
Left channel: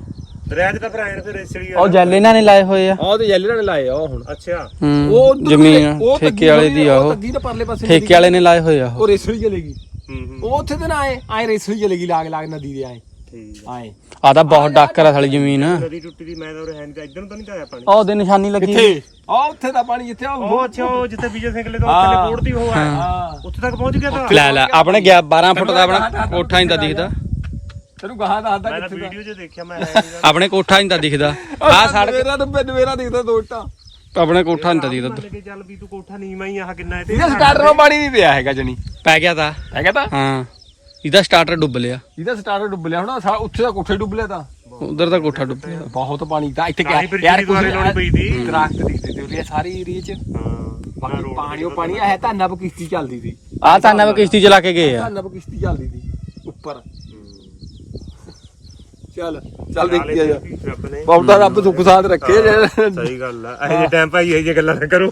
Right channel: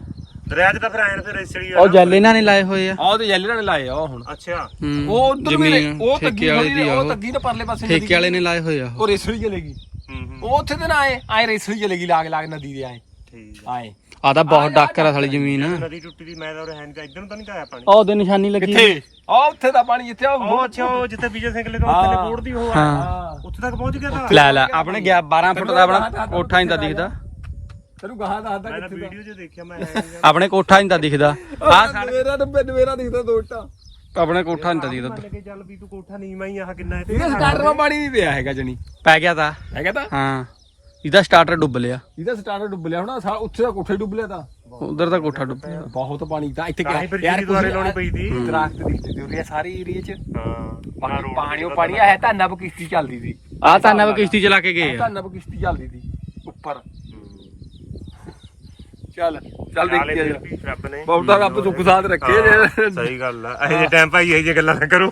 ਦਰਿਆ 'ਚ ਤਾਂ ਫਿਰ ਐਨ ਫਿਰ ਇਸੜੀ ਉਹ ਜੈਲ ਇਹਨਾਂ ਨੇ ਲਾਏ ਹੋਏ ਆ। ਆਹ ਤੇ ਜੈਲਰ ਨੇ ਲਾਏ ਆ ਉਹ ਹੁਣ। ਅੱਛਾ। ਉਹ ਉੱਧਰ ਜ਼ਮੀਨ ਉਹ ਠੇਕੇ ਵਾਲੇ ਦੀ ਆ ਉਹ ਤੱਗੀ ਦੇ ਪਰਲੇ ਪਾਸੇ ਠੇਕੇ ਵਾਲੇ ਨੇ ਲਾਏ ਹੋਏ ਆ ਉਹ। ਰੇਸੜੀ ਚਲੇਗੀ ਉਹ ਉੱਥੇ ਤੇ ਨਾ ਆਏ ਆਏ ਰੇਸੜੀ ਚਲੇਗੀ ਲਾਗ ਲਾਗ ਨਦੀ ਦੇ ਆਏ। ਠੀਕ। ਆਏ। ਆ ਤਾਂ ਬਹੁਤ ਡਾਕਰ ਆ ਸਾਲੀ ਜ਼ਮੀਨ। ਨਦੀ ਟੁੱਟੀ ਦੀ ਮੈਂ ਤਾਂ ਉਰੇ ਹੈ ਨਹੀਂ ਤਾਂ ਇੱਧਰ ਨੂੰ ਤਾਂ ਨਹੀਂ ਤਾਂ ਆਇਆ ਪਾਣੀ। ਉਹ ਉਹਦੇ ਨਿਸ਼ਾਨੀ ਲੱਗੀ ਕਿੱਥੇ? ਆ ਉੱਥੇ ਦਾ ਪਾਣੀ ਜਿੱਥੇ ਉਹ ਉਹ ਅੱਛਾ ਉਹ ਜਿੱਥੇ ਵਿਜੇ ਸਿੰਘ ਲੈ ਤੋਂ ਉੱਥੇ ਹਾਂ। ਕੋੜਦੀ ਉਹ ਆ। ਹਾਂ। ਉੱਥੇ ਤੱਕ ਪਹੁੰਚ ਗਿਆ ਤਾਂ। ਲੈ ਲੈ ਆਪਣੇ ਗਿਆ 12 ਫੁੱਟ ਦਾ ਆਪਣਾ ਕੋਠਾ ਨਹੀਂ ਤਾਂ ਦਿਖਦਾ। ਤੈਨੂੰ ਗਾਹਾਂ ਦੱਸਦਾ ਮੈਂ ਤਾਂ ਕਿੱਥੇ ਦਾ ਵੀਡੀਓ 'ਚ ਦੇਖਿਆ ਮੈਂ ਹੈ ਨੀ ਆਪਣੇ ਕੋਠਾ ਨਹੀਂ ਤਾਂ ਦਿਖਦਾ। ਆ ਸੜਕ ਨਵੇਰਾ ਡੱਬੇ ਨਵੇਰਾ ਦਿਖਦਾ ਦੋ ਇੱਟਾਂ। ਆਪਣੇ ਕੋਠਾ ਨਹੀਂ ਤਾਂ ਦਿਖਦਾ ਮੰਨ ਕੇ ਚੱਲ ਵੀ ਤੂੰ ਕੋਠਾ ਨੀਵਾਂ ਹੀ ਆਹ ਕਿੰਨਾ ਹੈ ਤੇ ਇਹਦਾ ਸਟਾਰਟਰ ਨਾਲ ਪਾਣੀ ਨਹੀਂ ਪਿਆ ਹੈਗਾ ਜਣੀ। ਪੈ ਗਿਆ ਤਾਂ। ਹੈਗਾ ਤਾਂ? ਹਾਂ। ਇਹਦਾ ਸਟਾਰਟਰ ਡੁੱਬ ਲਿਆ। ਇਹਦਾ ਸਟਾਰਟਰ ਡੁੱਬ ਲਿਆ। ਹੁਣ ਸਾ- ਉੱਥੇ ਦਾ ਕੋਠੇ ਡੁੱਬ ਲਿਆ ਤਾਂ। ਉਧਰ ਦਾ ਕੋਠਾ ਡੁੱਬ ਗਿਆ ਬਹੁਤ ਪਾਣੀ ਤਾਂ ਇੱਥੇ ਤਾਂ ਹੀ ਫਿਰ ਦੁਆਰੇ ਲਾਉਣੀ ਪਈ ਤੀ। ਦਰਖਤ ਦਿਖਦੇ ਤੇ ਉਰੇ ਸਾਰੇ ਏਰੀਏ 'ਚ। ਹਾਂ। ਬਾਕੀ ਪਾਣੀ ਉਹ ਪਾਣੀ ਹੈ ਤਾਂ ਨਬ ਕਿਸ਼ਤੀ ਚੱਲਦੀ ਸੀ। ਆ ਤਾਂ ਨਵ ਕਿਸ਼ਤੀ ਚਲਾ ਕੇ ਗਏ ਆ। ਤਾਂ ਨਬ ਕਿਸ਼ਤੀ ਚੱਲਦੀ ਸੀ। ਉੱਪਰ। ਚੱਲ। ਚੱਲ ਦੇਖੀ ਆ ਜਾ ਰੱਬ ਨੇ। ਬਹੁਤਾ ਰੱਬ ਸੁੱਖ ਸਾਥ ਰੱਖੇ ਜੇ। ਸਹੀ ਗੱਲ ਆ। ਇਹ ਜੇ ਟਾਈਮ ਭਾਈ ਇਹ ਜੇ ਗੱਲਾਂ ਨਾ ਕਰੋ।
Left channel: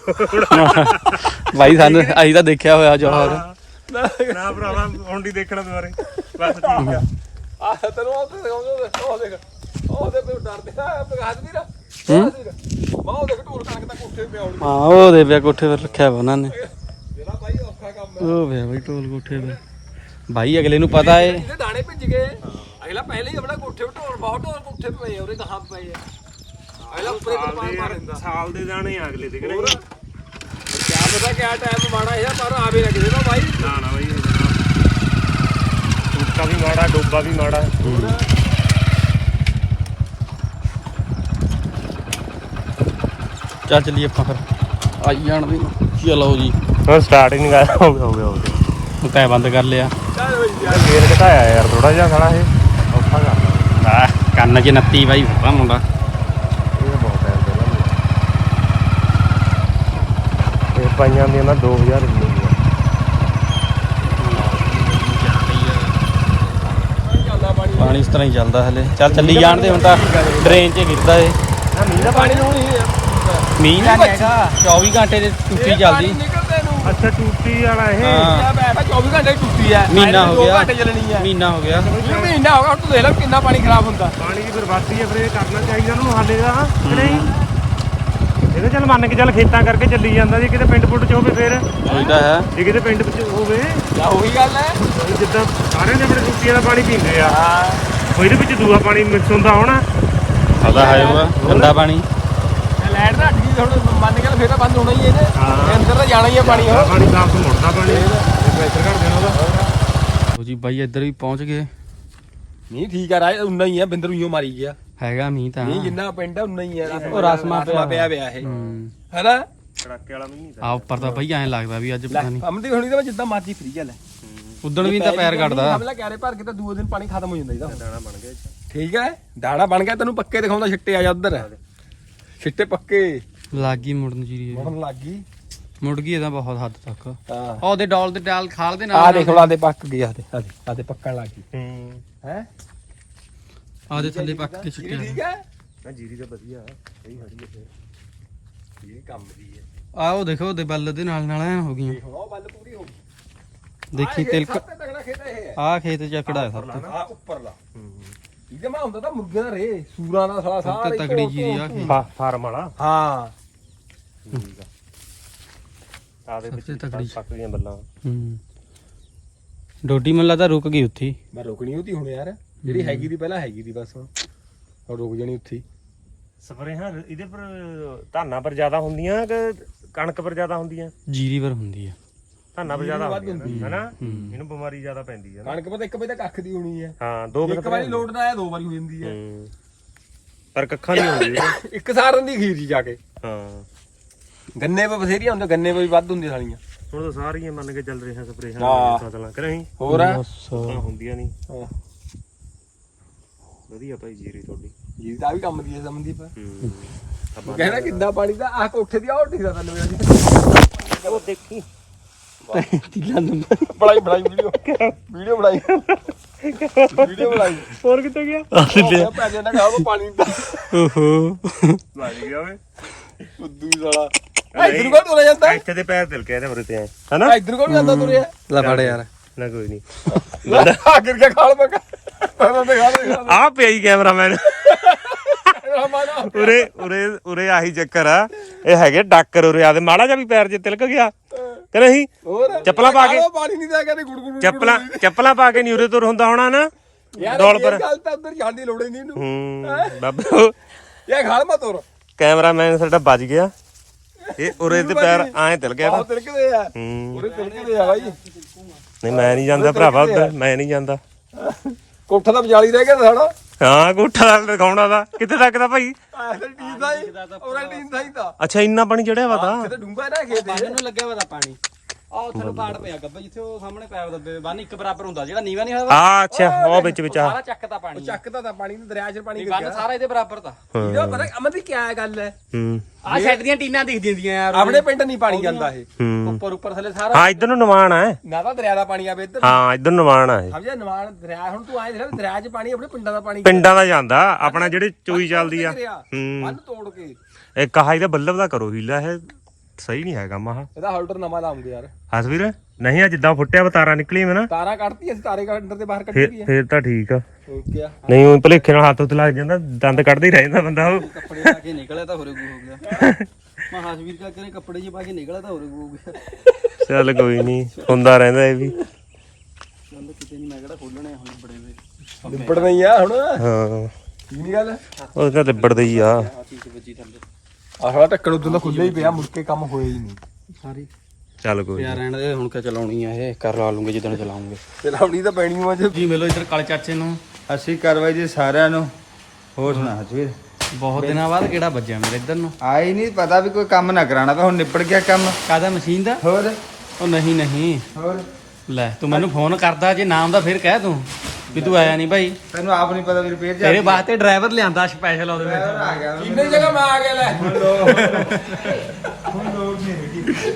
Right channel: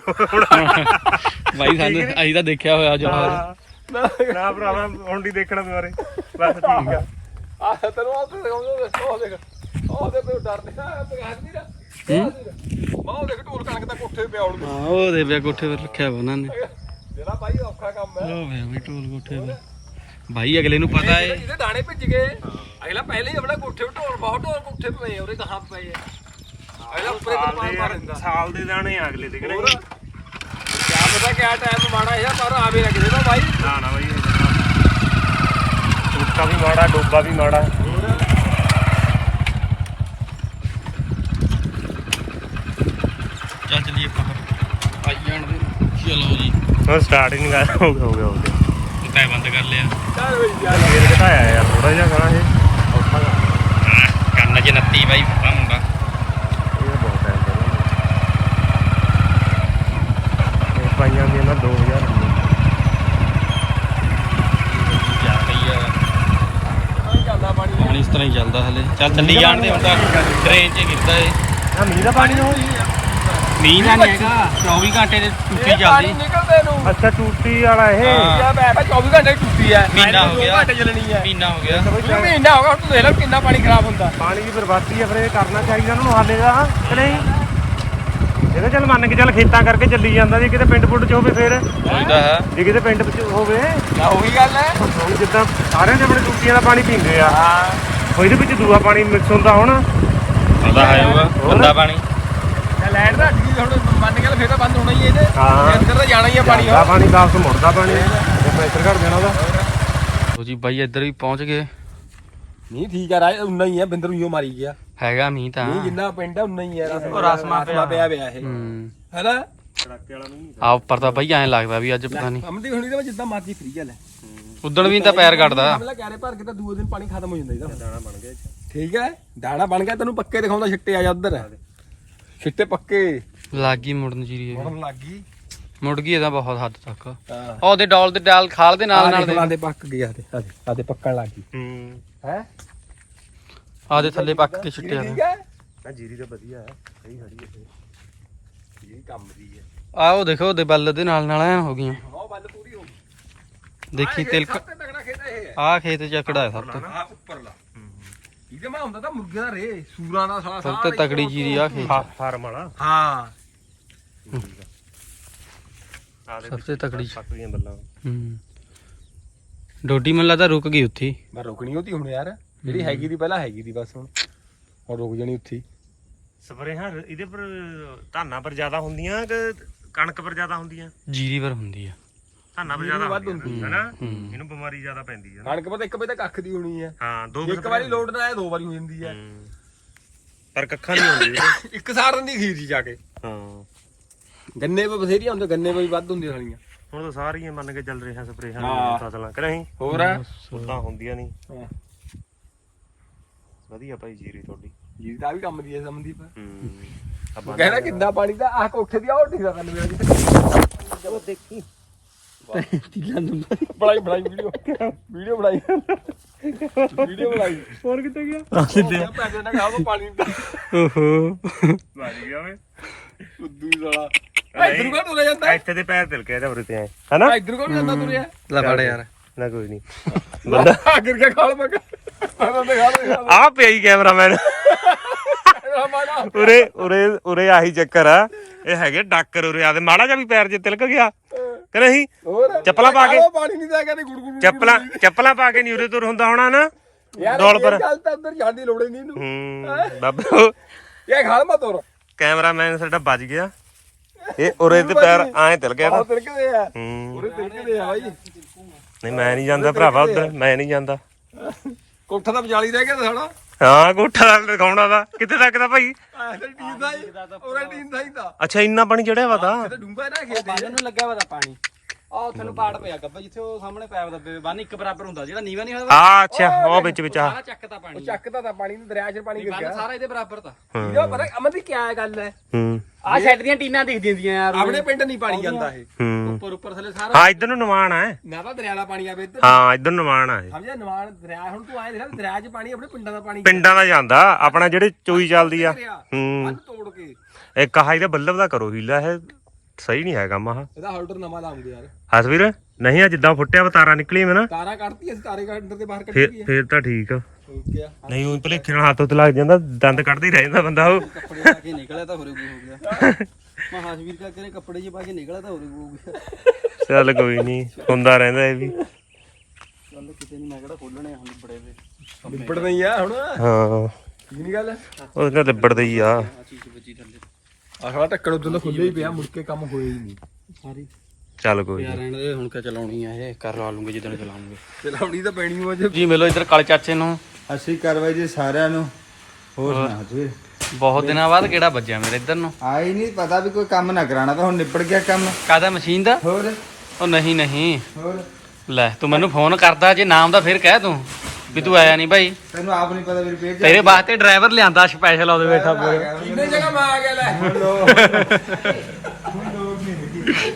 ਬਾਈ ਸਾਨੂੰ ਅਸੀਂ ਤਾਂ ਦੇਖਿਆ ਹੋਇਆ ਜੋਹਰ। ਨਾ ਭਰਾਵਾ ਹੁਣ ਨਹੀਂ ਦੇਖਣਾ ਦੁਆਰੇ ਬਸ ਠੀਕ ਆ। ਆ ਤੈਨੂੰ ਉਹ ਤੇ ਉਹ ਦੇਖ ਉਹ ਦੇਖ ਉਹਦੇ ਤੋਂ ਡਰਦੇ ਆ ਪ੍ਰਕਾਸ਼ ਵੀਰ ਹੂੰ ਬਹੁਤ ਦੇਖ ਢੋਲ ਕਣਕ ਦਾ ਕੋਠੇ ਪਿਆ ਹੁਣ ਹਾਂ ਉਹ ਦੇ ਪਿਆ ਕੋਠੇ 'ਤੇ ਰੱਖਿਆ ਵਾ ਉਹਨਾਂ ਨੇ। ਜਿਹੜਾ ਬਾਈ ਔਖਾ ਕੰਮ ਹੈ ਉਹ ਪਿਆ ਬਈ ਢੋਲ ਕੋਠੇ 'ਤੇ। ਭਾਈ ਅਗਲੇ ਨੂੰ ਪਤਾ ਏ। ਇਹਦੇ ਦਾਣੇ ਭਿੱਜ ਗਏ। ਅਗਲਾ ਪਹਿਲੇ ਹੀ ਆਪਣਾ ਕੋਠੇ ਤੇ ਢੋਲ ਬਹੁਤ ਢੋਲ ਕੋਠੇ ਪਏ ਉਹਦੇ ਕਹਾਂ ਪਏ ਆ। ਅਗਲਾ ਉੱਪਰੇ ਸਾਲ ਤਰਪਾਲ ਮਾਰ ਦਿੰਦਾ ਦੇ ਸਾਲ ਦੇ ਦਾਣੇ ਆ ਅਗਲੇ ਦੇ ਕਿਹੜੇ ਕਿਆ ਪਤਾ ਕਿਆ ਟਾਈਮ ਮਾੜਾ ਹੈ ਪਰ ਆਵੇ ਨਾ ਕਿਸੇ ਦਾ ਬਾਈ। ਨਾ ਨਾ ਬਈ ਟੁੱਟਾ ਵੀ ਮਾੜਾ ਡੋਬਾ ਵੀ ਮਾੜਾ। ਚੱਲ ਚੱਲੀਏ ਆਪਾਂ ਫਿਰ। ਆਈ ਜਾਣ ਦੇ। ਚਲੋ ਜੀ। ਹੁਣ ਸਟਾਰਟ ਹੀ ਨਹੀਂ ਕਰ ਹੋ ਗਿਆ ਹੋ ਗਿਆ। ਹੋ ਬੰਦ ਕਰ ਲਿਆ। ਫੇਰ ਘਟਾਇਆ ਯਾਰ ਥੋੜਾ ਜਿਹਾ ਸਾਲਾ ਇਹ ਔਖਾ ਕੰਮ ਆ। ਆ ਕੰਨ 'ਚ ਨੱਤੀ ਬਾਈ ਫਟਾ ਮੁੰਡਾ। ਇਹ ਬਹੁਤ ਹੈ ਪਹਿਲਾਂ ਇਹ ਪਾਈਆਂ ਨੇ ਨਾ 2000 ਰੁਪਏ ਪਾਣੀ ਇਸ ਤਰ੍ਹਾਂ ਹੀ ਚੱਲਦਾ ਹਲੇ। ਚੱਲ ਚੱਲੀ ਜਾਣ ਦੇ ਹੁਣ ਤਾਂ ਟ੍ਰੇਨ 'ਚ ਗਿਰਦਾ ਏ ਮੀਂਹ ਦਾ ਪਾਣੀ ਮੀਂਹ ਨਹੀਂ ਹੈਗਾ 24 ਘੰਟੇ ਦੀ ਟੁੱਟੀ ਚੱਲਦੀ। ਨੂੰ ਅੱਛਾ ਟੂਟੀ ਵਾਲਾ ਇਹ। ਹਾਂ। ਯਾ ਬੈ ਬੈ 24 ਘੰਟੇ ਟੁੱਟੀ ਆ। ਮਹੀਨਾ ਹੋ ਦੋ ਗਿਆ। ਘੰਟੇ ਚੱਲਣੀ ਆ। ਮਹੀਨਾ ਹੋ ਗਿਆ। ਮਹੀਨਾ ਹੋ ਗਿਆ ਹੁਣ ਤੂੰ ਦੇਖ ਲੈ ਕਿੰਨਾ ਪਾਣੀ ਖਰਾਬ ਹੁੰਦਾ। ਪਾਣੀ ਦੀ ਬਰਬਾਦੀ ਹੈ ਫਿਰ ਇਹ ਕਰਨਾ ਚਾਹੀਦਾ ਉਹਨੂੰ ਹਾਲੇ ਦਾ ਕਿ ਨਹੀਂ? ਇਹਦੇ ਚੱਲ ਮੰਨ ਕੇ ਚੱਲ ਖੇਤਾਂ ਕਰਕੇ ਚੱਲੀ ਜਾਂਦਾ ਜੇ ਕਿਤੇ ਪਿੰਡ ਪੁੱਡ ਚ ਹੋਵੇ ਫਿਰ। ਇਹ ਤਾਂ ਹੈ। ਜੇ ਕਿਤੇ ਪਿੰਡ ਵਿੱਚ ਹੋਵੇ। ਕਿਆ ਉਹੀ ਗੱਲ ਹੈ। ਹੁਣ ਜਿੱਦਾਂ ਸਾਰਿਆਂ ਨੇ ਆਪਣੇ ਟੂਟੀਆਂ ਦਾ ਪਾਣੀ ਪੀਂਦੇ ਆ। ਹਾਂ। ਉਹ ਇਹਦੇ ਵਿੱਚ ਦੂਆ ਪਾਣੀ ਮਿਕਸ ਹੁੰਦਾ ਹੋਣਾ। ਪਤਾ ਹੈ ਉਹ ਠੰਡਾ ਪਾਣੀ। ਲੈਟ ਦਾ। ਹੁਣ ਮੰਨ ਕੇ ਚੱਲ ਫੇਰ ਤਾਂ ਬੰਦ ਹੋਣਾ ਹੀ ਇਹਦੇ। ਹਾਂ। ਇਹ ਅੰਦਰ ਤਾਂ ਜਾਣਾ ਹੀ ਆ ਪਾਣੀ। ਆ ਉਹ ਪਾਣੀ ਵਾਪਸ ਮੁੜਦਾ ਪਾਣੀ ਤੇ ਪ੍ਰੈਸ਼ਰ ਘਟ ਜਾਣਾ ਉਹਦਾ ਲੋ ਜੀ ਬਾਈ ਇੱਧਰ ਵੀ ਪਹੁੰਚ ਗਏ। ਨਹੀਂ ਠੀਕ ਆ ਰਾਜ ਉਨਾ ਹੀ ਆ ਬਿੰਦਰ ਉਈਓ ਮਾਰੀ ਗਿਆ। ਹੈਗਾ ਮੀਂਹ ਤਾਂ। ਨਹੀਂ ਜਿੰਨਾ ਪਿੰਡ ਆ ਉਨਾ ਹੀ ਆ। ਉਹ ਰਸਮਾਂ ਪਿਆ ਪਿਆ ਪਿਆ ਇਹ। ਹੂੰ। ਹੈਨਾ? ਕੜਾਕੇ ਵਾਲਾ ਨਹੀਂ ਆ ਉੱਪਰ ਤਾਂ ਬਾਈ ਐਂ ਲੱਗਦਾ ਵੀ ਅੱਜ ਪਤਾ ਨਹੀਂ। ਅਮਦੀ ਹੁਣੀ ਤਾਂ ਜਿੱਦਾਂ ਮਰਜ਼ੀ ਫਰੀ ਚੱਲ ਉਦਣ ਵੀ ਤਾਂ ਪੈਰ ਕੱਢਦਾ ਹਮਲਾ ਕਿਆਰੇ ਭਰ ਕੇ ਤਾਂ ਦੂਏ ਦਿਨ ਪਾਣੀ ਖਤਮ ਹੋ ਜਾਂਦਾ ਇਹਦਾ। ਦਾਣਾ ਬਣ ਗਿਆ ਇੱਥੇ। ਠੀਕ ਹੈ? ਦਾਣਾ ਬਣ ਗਿਆ ਤੈਨੂੰ ਪੱਕੇ ਦਿਖਾਉਂਦਾ ਛਿੱਟੇ ਆ ਜਾ ਉਧਰ। ਛਿੱਟੇ ਪੱਕੇ। ਲੱਗੀ ਮੁੜਨ ਜੀਰੀ ਇਹ। ਮੁੜਨ ਲੱਗ। ਗਈ ਮੁੜ ਗਈ ਇਹਦਾ ਬਹੁਤ ਹੱਦ ਤੱਕ। ਹਾਂ। ਉਹ ਉਹਦੇ ਡੋਲ ਦੇ ਡਾਲ ਖਾਲ ਦੇ ਨਾਲ ਦੇਖ ਨਾਲ ਲਾ ਦੇ ਪੱਕ ਗਈ ਆ ਦੇ ਆ ਦੇ ਪੱਕਣ ਲੱਗ। ਗਈ ਹੂੰ? ਹੈ ਆਦੇ ਥੱਲੇ ਪੱਕ ਕੇ ਹੈ? ਨਾ ਜੀਰੀ ਤਾਂ ਵਧੀਆ ਹੈ। ਸਹੀ ਖੜੀ ਹੈ ਇਹ ਕੰਮ ਦੀ ਹੈ। ਆ ਉਹ ਦੇਖੋ ਉਹਦੇ ਬੱਲ ਦੇ ਨਾਲ ਨਾਲ ਐ ਹੋ ਗਈਆਂ। ਹੁਣ ਉਹ ਬੱਲ ਪੂਰੀ ਹੋ ਗਈ। ਦੇਖੀ ਤਿਲਕ ਤਗੜਾ ਖੇਤ ਹੈ ਇਹ। ਆ ਖੇਤ ਚੱਕੜਾ ਹੈ ਸਭ ਤੋਂ। ਆ ਉੱਪਰਲਾ ਇਹਦੇ ਮੈਂ ਹੁੰਦਾ ਤਾਂ ਮੁਰਗੇ ਦਾ ਰੇ ਸੂਰਾਂ ਦਾ ਸਾਲਾ ਸਭ ਤੋਂ ਤਕੜੀ ਜੀਰੀ ਆ ਖੇਤ ਫਾਰਮ ਵਾਲਾ। ਹਾਂ। ਆ ਦੇ ਸਭ ਤੋਂ ਤਕੜੀ ਗਈਆਂ ਬੱਲਾਂ। ਹੂੰ। ਡੋਡੀ ਮੈਨੂੰ ਲੱਗਦਾ ਰੁਕ ਗਈ ਉੱਥੇ। ਮੈਂ ਰੁਕਣੀ ਉਹਦੀ ਹੁਣ ਯਾਰ। ਜਿਹੜੀ ਹੈਗੀ ਦੀ ਪਹਿਲਾਂ ਹੈਗੀ ਦੀ ਬਸ ਹੁਣ। ਹੁਣ ਰੁਕ ਜਾਣੀ ਉੱਥੇ ਹੀ। ਸਪਰੇਹਾਂ ਇਹਦੇ ਪਰ ਧਾਨਾਂ ਪਰ ਜ਼ਿਆਦਾ ਹੁੰਦੀਆਂ ਕਿ ਕਣਕ ਪਰ ਜ਼ਿਆਦਾ ਹੁੰਦੀਆਂ? ਜੀਰੀ ਪਰ ਹੁੰਦੀ ਆ। ਧਾਨਾਂ ਪਰ ਜ਼ਿਆਦਾ ਵੱਧ ਹੁੰਦੀਆਂ ਹੁੰਦੀ ਹੈਨਾ? ਹੂੰ। ਇਹਨੂੰ ਬਿਮਾਰੀ ਜ਼ਿਆਦਾ ਪੈਂਦੀ ਹੈ ਨਾ। ਕਣਕ ਪਤਾ ਇੱਕ ਵਜੇ ਤੱਕ ਅੱਖ ਦੀ ਹੋਣੀ ਹੈ ਹਾਂ ਦੋ ਇੱਕ ਵਾਰੀ ਲੋਡ ਨਾ ਆਇਆ ਦੋ ਵਾਰੀ ਹੋ ਜਾਂਦੀ ਹੈ ਹੂੰ। ਪਰ ਕੱਖਾਂ ਨਹੀਂ ਹੁੰਦੀ। ਇੱਕ ਸਾਰਨ ਦੀ ਖੀਰ ਜੀ ਜਾ ਕੇ। ਹਾਂ। ਗੰਨੇ ਪੇ ਬਥੇਰੀਆਂ ਹੁੰਦੇ ਗੰਨੇ ਪੇ ਵੀ ਵੱਧ ਹੁੰਦੀਆਂ ਸਾਲੀਆਂ। ਹੁਣ ਤਾਂ ਸਾਰੀਆਂ ਮੰਨ ਕੇ ਚੱਲ ਰਹੀਆਂ ਸਪਰੇਹਾਂ ਹਾਂ। ਫਸਲਾਂ ਕਿ ਨਹੀਂ? ਹੋਰ? ਤਾਂ ਹੁੰਦੀਆਂ ਨਹੀਂ। ਹਾਂ। ਵਧੀਆ ਭਾਈ ਜੀਰੀ ਤੁਹਾਡੀ। ਜੀ ਤਾਂ ਵੀ ਕੰਮ ਦੀ ਹੈ ਸਮਝਦੀ ਪਾ ਹੂੰ। ਤੂੰ ਕਹਿਣਾ ਕਿੰਨਾ ਪਾਣੀ ਦਾ? ਆਹ ਕੋਠੇ ਦੀ ਆਉ ਠੀਕ ਦਾ ਤੈਨੂੰ ਮੇਰੀ ਉਹ ਦੇਖੀ। ਤੀਲਾ ਨੰਬਰ। ਬੜਾਈ ਬੜਾਈ ਵੀਡੀਓ। ਵੀਡੀਓ ਬੜਾਈ ਵੀਡੀਓ ਬੜਾਈ ਹੋਰ ਕਿੱਥੇ ਗਿਆ? ਉਹ ਪੈਸੇ ਨਾ ਖਾਓ ਪਾਣੀ ਦਾ। ਓਹੋ। ਵੱਜ ਗਿਆ ਓਏ ਉਦੋਂ ਸਾਲਾ। ਇੱਧਰ ਕੋਲ ਤੁਰਿਆ ਜਾਂਦਾ? ਇੱਥੇ ਦੇ ਪੈਰ ਤਿਲਕੇ ਇਹਦੇ ਵਰੇ ਤੇ ਆਏ। ਹਨਾ? ਇੱਧਰ ਕੋਲ ਜਾਂਦਾ ਤੁਰਿਆ? ਲੈ ਫੜ ਯਾਰ। ਨਾ ਕੋਈ ਨਹੀਂ ਆ ਗਿਰ ਗਿਆ ਖਾਲ ਮਗਾ ਉਹਨਾਂ ਦੇ ਖਾਲ ਆ ਪਿਆ ਹੀ ਕੈਮਰਾਮੈਨ। ਮਾਨਾ ਉਰੇ ਉਰੇ ਉਰੇ ਆਹੀ ਚੱਕਰ ਆ। ਇਹ ਹੈਗੇ ਡਾਕਰ ਉਰੇ ਆਦੇ ਮਾੜਾ ਜਿਹਾ ਵੀ ਪੈਰ ਜੇ ਤਿਲਕ ਗਿਆ। ਕਿ ਨਹੀਂ? ਚੱਪਲਾਂ ਪਾ ਕੇ। ਉਹ ਪਾਣੀ ਨਹੀਂ ਦਿਆ ਚੱਪਲਾਂ ਚੱਪਲਾਂ ਪਾ ਕੇ ਨਹੀਂ ਉਰੇ ਤੁਰ ਹੁੰਦਾ ਹੋਣਾ ਨਾ। ਡੋਲ ਪਰ। ਗੱਲ ਤਾਂ ਅੰਦਰ ਜਾਣ ਦੀ ਲੋੜ ਹੀ ਨਹੀਂ ਇਹਨੂੰ। ਹੂੰ ਬਾਬੇ। ਇਹ ਖਾਲ ਮਾ ਤੁਰ। ਕੈਮਰਾਮੈਨ ਸਾਡਾ ਬਚ ਗਿਆ। ਇਹ ਉਰੇ ਦੇ ਪੈਰ ਐਂ ਤਿਲ ਗਿਆ ਨਾ। ਤਿਲਕਦੇ ਆ। ਹੂੰ। ਉਹਦੇ ਤਿਲਕਦੇ ਆ ਬਾਈ ਨਹੀਂ ਮੈਂ ਨਹੀਂ ਜਾਂਦਾ ਭਰਾਵਾ ਉਧਰ ਮੈਂ ਨਹੀਂ ਜਾਂਦਾ। ਕੋਠਾ ਤਾਂ ਵਿਚਾਲੀ ਰਹਿ ਗਿਆ ਸਾਡਾ ਹਾਂ ਕੋਠਾ ਦਾ ਦਿਖਾਉਣਾ ਦਾ ਕਿੱਥੇ ਤੱਕ ਦਾ ਭਾਈ? ਆਹ ਟੀਨ ਦਾ ਹੀ ਉਹਦਾ ਟੀਨ ਦਾ ਹੀ ਤਾਂ। ਅੱਛਾ ਇੰਨਾ ਪਾਣੀ ਚੜਿਆ ਵਾ ਤਾਂ। ਤੇ ਡੂੰਗਾ ਨਾ ਖੇਤ ਨੂੰ ਲੱਗਾ ਵਾ ਤਾਂ ਪਾਣੀ। ਆਹ ਉੱਥੇ ਪਾੜ ਪਿਆ ਗੱਬਾ ਜਿੱਥੇ ਉਹ ਸਾਹਮਣੇ ਪੈਪ ਦੱਬੇ ਬੰਨ ਇੱਕ ਬਰਾਬਰ ਹੁੰਦਾ ਜਿਹੜਾ ਨੀਵਾ ਨਹੀਂ ਹੋਇਆ ਆ ਅੱਛਾ ਉਹ ਵਿੱਚ ਵਿੱਚ ਆ ਸਾਰਾ ਚੱਕਦਾ ਪਾਣੀ ਚੱਕਦਾ ਤਾਂ ਪਾਣੀ ਨੂੰ ਦਰਿਆ 'ਚ ਪਾਣੀ ਗਿਰ ਬੰਨ ਗਿਆ ਸਾਰਾ ਇਹਦੇ ਬਰਾਬਰ ਤਾਂ। ਇਹਦਾ ਪਤਾ ਅਮਨ ਦੀ ਕੀ ਗੱਲ ਹੈ ਹੂੰ। ਆਹ ਛੱਡ ਦੀਆਂ ਟੀਨਾਂ ਦਿਖਦੀਆਂ ਹੁੰਦੀਆਂ ਯਾਰ। ਆਪਣੇ ਪਿੰਡ ਨਹੀਂ ਪਾਣੀ ਜਾਂਦਾ ਇਹ। ਹੂੰ। ਉੱਪਰ ਉੱਪਰ ਥੱਲੇ ਸਾਰਾ। ਹਾਂ ਇਧਰ ਨੂੰ ਨਿਵਾਣ ਹੈ ਨਾ ਤਾਂ ਦਰਿਆ ਦਾ ਪਾਣੀ ਆਵੇ ਇੱਧਰ। ਹਾਂ ਇਧਰ ਨਿਵਾਣ ਹੈ ਸਮਝਿਆ? ਨਵਾਨ ਦਰਿਆ ਹੁਣ ਤੂੰ ਆਏ ਦੇਖ ਦਰਿਆ 'ਚ ਪਾਣੀ ਆਪਣੇ ਪਿੰਡਾਂ ਦਾ ਪਾਣੀ ਪਿੰਡਾਂ ਦਾ ਜਾਂਦਾ। ਆਪਣਾ ਜਿਹੜੇ ਚੋਈ ਚੱਲਦੀ ਆ। ਦਰਿਆ ਹੂੰ। ਬੰਨ ਤੋੜ ਕੇ। ਇੱਕ ਆਹ ਇਹਦਾ ਬੱਲਬ ਦਾ ਕਰੋ ਹੀਲਾ ਇਹ ਸਹੀ ਨਹੀਂ ਹੈਗਾ ਮਹਾ। ਇਹਦਾ ਹੋਲਡਰ ਨਵਾਂ ਲਾਉਂਗੇ ਯਾਰ। ਹਸਵੀਰ ਨਹੀਂ ਆ ਜਿੱਦਾਂ ਫੁੱਟਿਆ ਵਾ ਤਾਰਾਂ ਨਿਕਲੀ ਮੈਂ ਨਾ। ਤਾਰਾਂ ਕੱਢਤੀ ਅਸੀਂ ਤਾਰੇ ਅੰਦਰ ਦੇ ਬਾਹਰ ਕੱਢੀ ਫੇਰ ਗਈ ਫੇਰ ਤਾਂ ਠੀਕ ਆ। ਹੋ ਗਿਆ ਨਹੀਂ ਉਹ ਭਲੇਖੇ ਨਾਲ ਹੱਥ ਉੱਤੇ ਲੱਗ ਜਾਂਦਾ ਦੰਦ ਕੱਢਦੇ ਹੀ ਰਹਿ ਜਾਂਦਾ ਬੰਦਾ ਉਹ। ਕੱਪੜੇ ਪਾ ਕੇ ਨਿਕਲਿਆ ਤਾਂ ਹੋਰੇ ਹੋ ਗਿਆ। ਮੈਂ ਹਾਸ਼ਵੀਰ ਕਾ ਕਰੇ ਕੱਪੜੇ ਜੇ ਪਾ ਕੇ ਨਿਕਲਿਆ ਤਾਂ ਹੋਰੇ ਹੋ ਗਿਆ। ਚੱਲ ਕੋਈ ਨਹੀਂ ਹੁੰਦਾ ਰਹਿੰਦਾ ਇਹ ਵੀ। ਚੱਲ ਕਿਤੇ ਨਹੀਂ ਮੈਂ ਕਿਹੜਾ ਖੋਲਣੇ ਹੁਣ ਬੜੇ ਵੀ ਨਿਬੜਨਾ ਹੀ ਆ ਹੁਣ। ਹਾਂ। ਕੀ ਗੱਲ? ਉਹ ਤਾਂ ਲਿਬੜਦਾ ਹੀ ਆ। ਆ ਚੀਜ਼ ਵੱਜੀ ਥੱਲੇ। ਆਹਲਾ ਢੱਕਣ ਉਦੋਂ ਦਾ ਖੁੱਲਿਆ ਹੀ ਪਿਆ ਮੁੜ ਕੇ ਕੰਮ ਹੋਇਆ ਹੀ ਨਹੀਂ। ਸਾਰੀ। ਚੱਲ ਕੋਈ ਪਿਆ ਰਹਿਣ ਦੇ ਹੁਣ ਕਿ ਚਲਾਉਣੀ ਆ ਇਹ? ਕਰ ਲਾ ਲੂੰਗੇ ਜਦੋਂ ਚਲਾਉਂਗੇ ਚਲਾਉਣੀ ਤਾਂ ਪੈਣੀ ਅੱਜ ਜੀ। ਮਿਲੋ ਇੱਧਰ ਕਾਲੇ ਚਾਚੇ ਨੂੰ। ਅਸੀਂ ਕਾਰਵਾਈ ਜੀ ਸਾਰਿਆਂ ਨੂੰ। ਹੋਰ ਸੁਣਾ ਹਜਵੀਰ ਬਹੁਤ ਦਿਨਾਂ ਬਾਅਦ ਕਿਹੜਾ ਵੱਜਿਆ ਮੇਰੇ ਇੱਧਰ ਨੂੰ? ਆਈ ਨਹੀਂ ਪਤਾ ਵੀ ਕੋਈ ਕੰਮ ਨਾ ਕਰਾਣਾ ਤਾਂ ਹੁਣ ਨਿਪੜ ਗਿਆ ਕੰਮ। ਕਾਦਾ ਮਸ਼ੀਨ ਦਾ? ਹੋਰ। ਉਹ ਨਹੀਂ ਨਹੀਂ। ਹੋਰ। ਲੈ ਤੂੰ ਮੈਨੂੰ ਫੋਨ ਕਰਦਾ ਜੇ ਨਾਮ ਦਾ ਫਿਰ ਕਹਿ ਤੂੰ। ਵੀ ਤੂੰ ਆਇਆ ਨਹੀਂ ਭਾਈ। ਤੈਨੂੰ ਆਪ ਨਹੀਂ ਪਤਾ ਵੀ ਰਿਪੇਅਰ ਤੇਰੇ ਵਾਸਤੇ ਡਰਾਈਵਰ ਲਿਆਂਦਾ ਸਪੈਸ਼ਲ ਉਹਦੇ ਬੈਠਾ ਇੰਨੇ ਜਗ੍ਹਾ ਮੈਂ ਆ ਗਿਆ ਲੈ।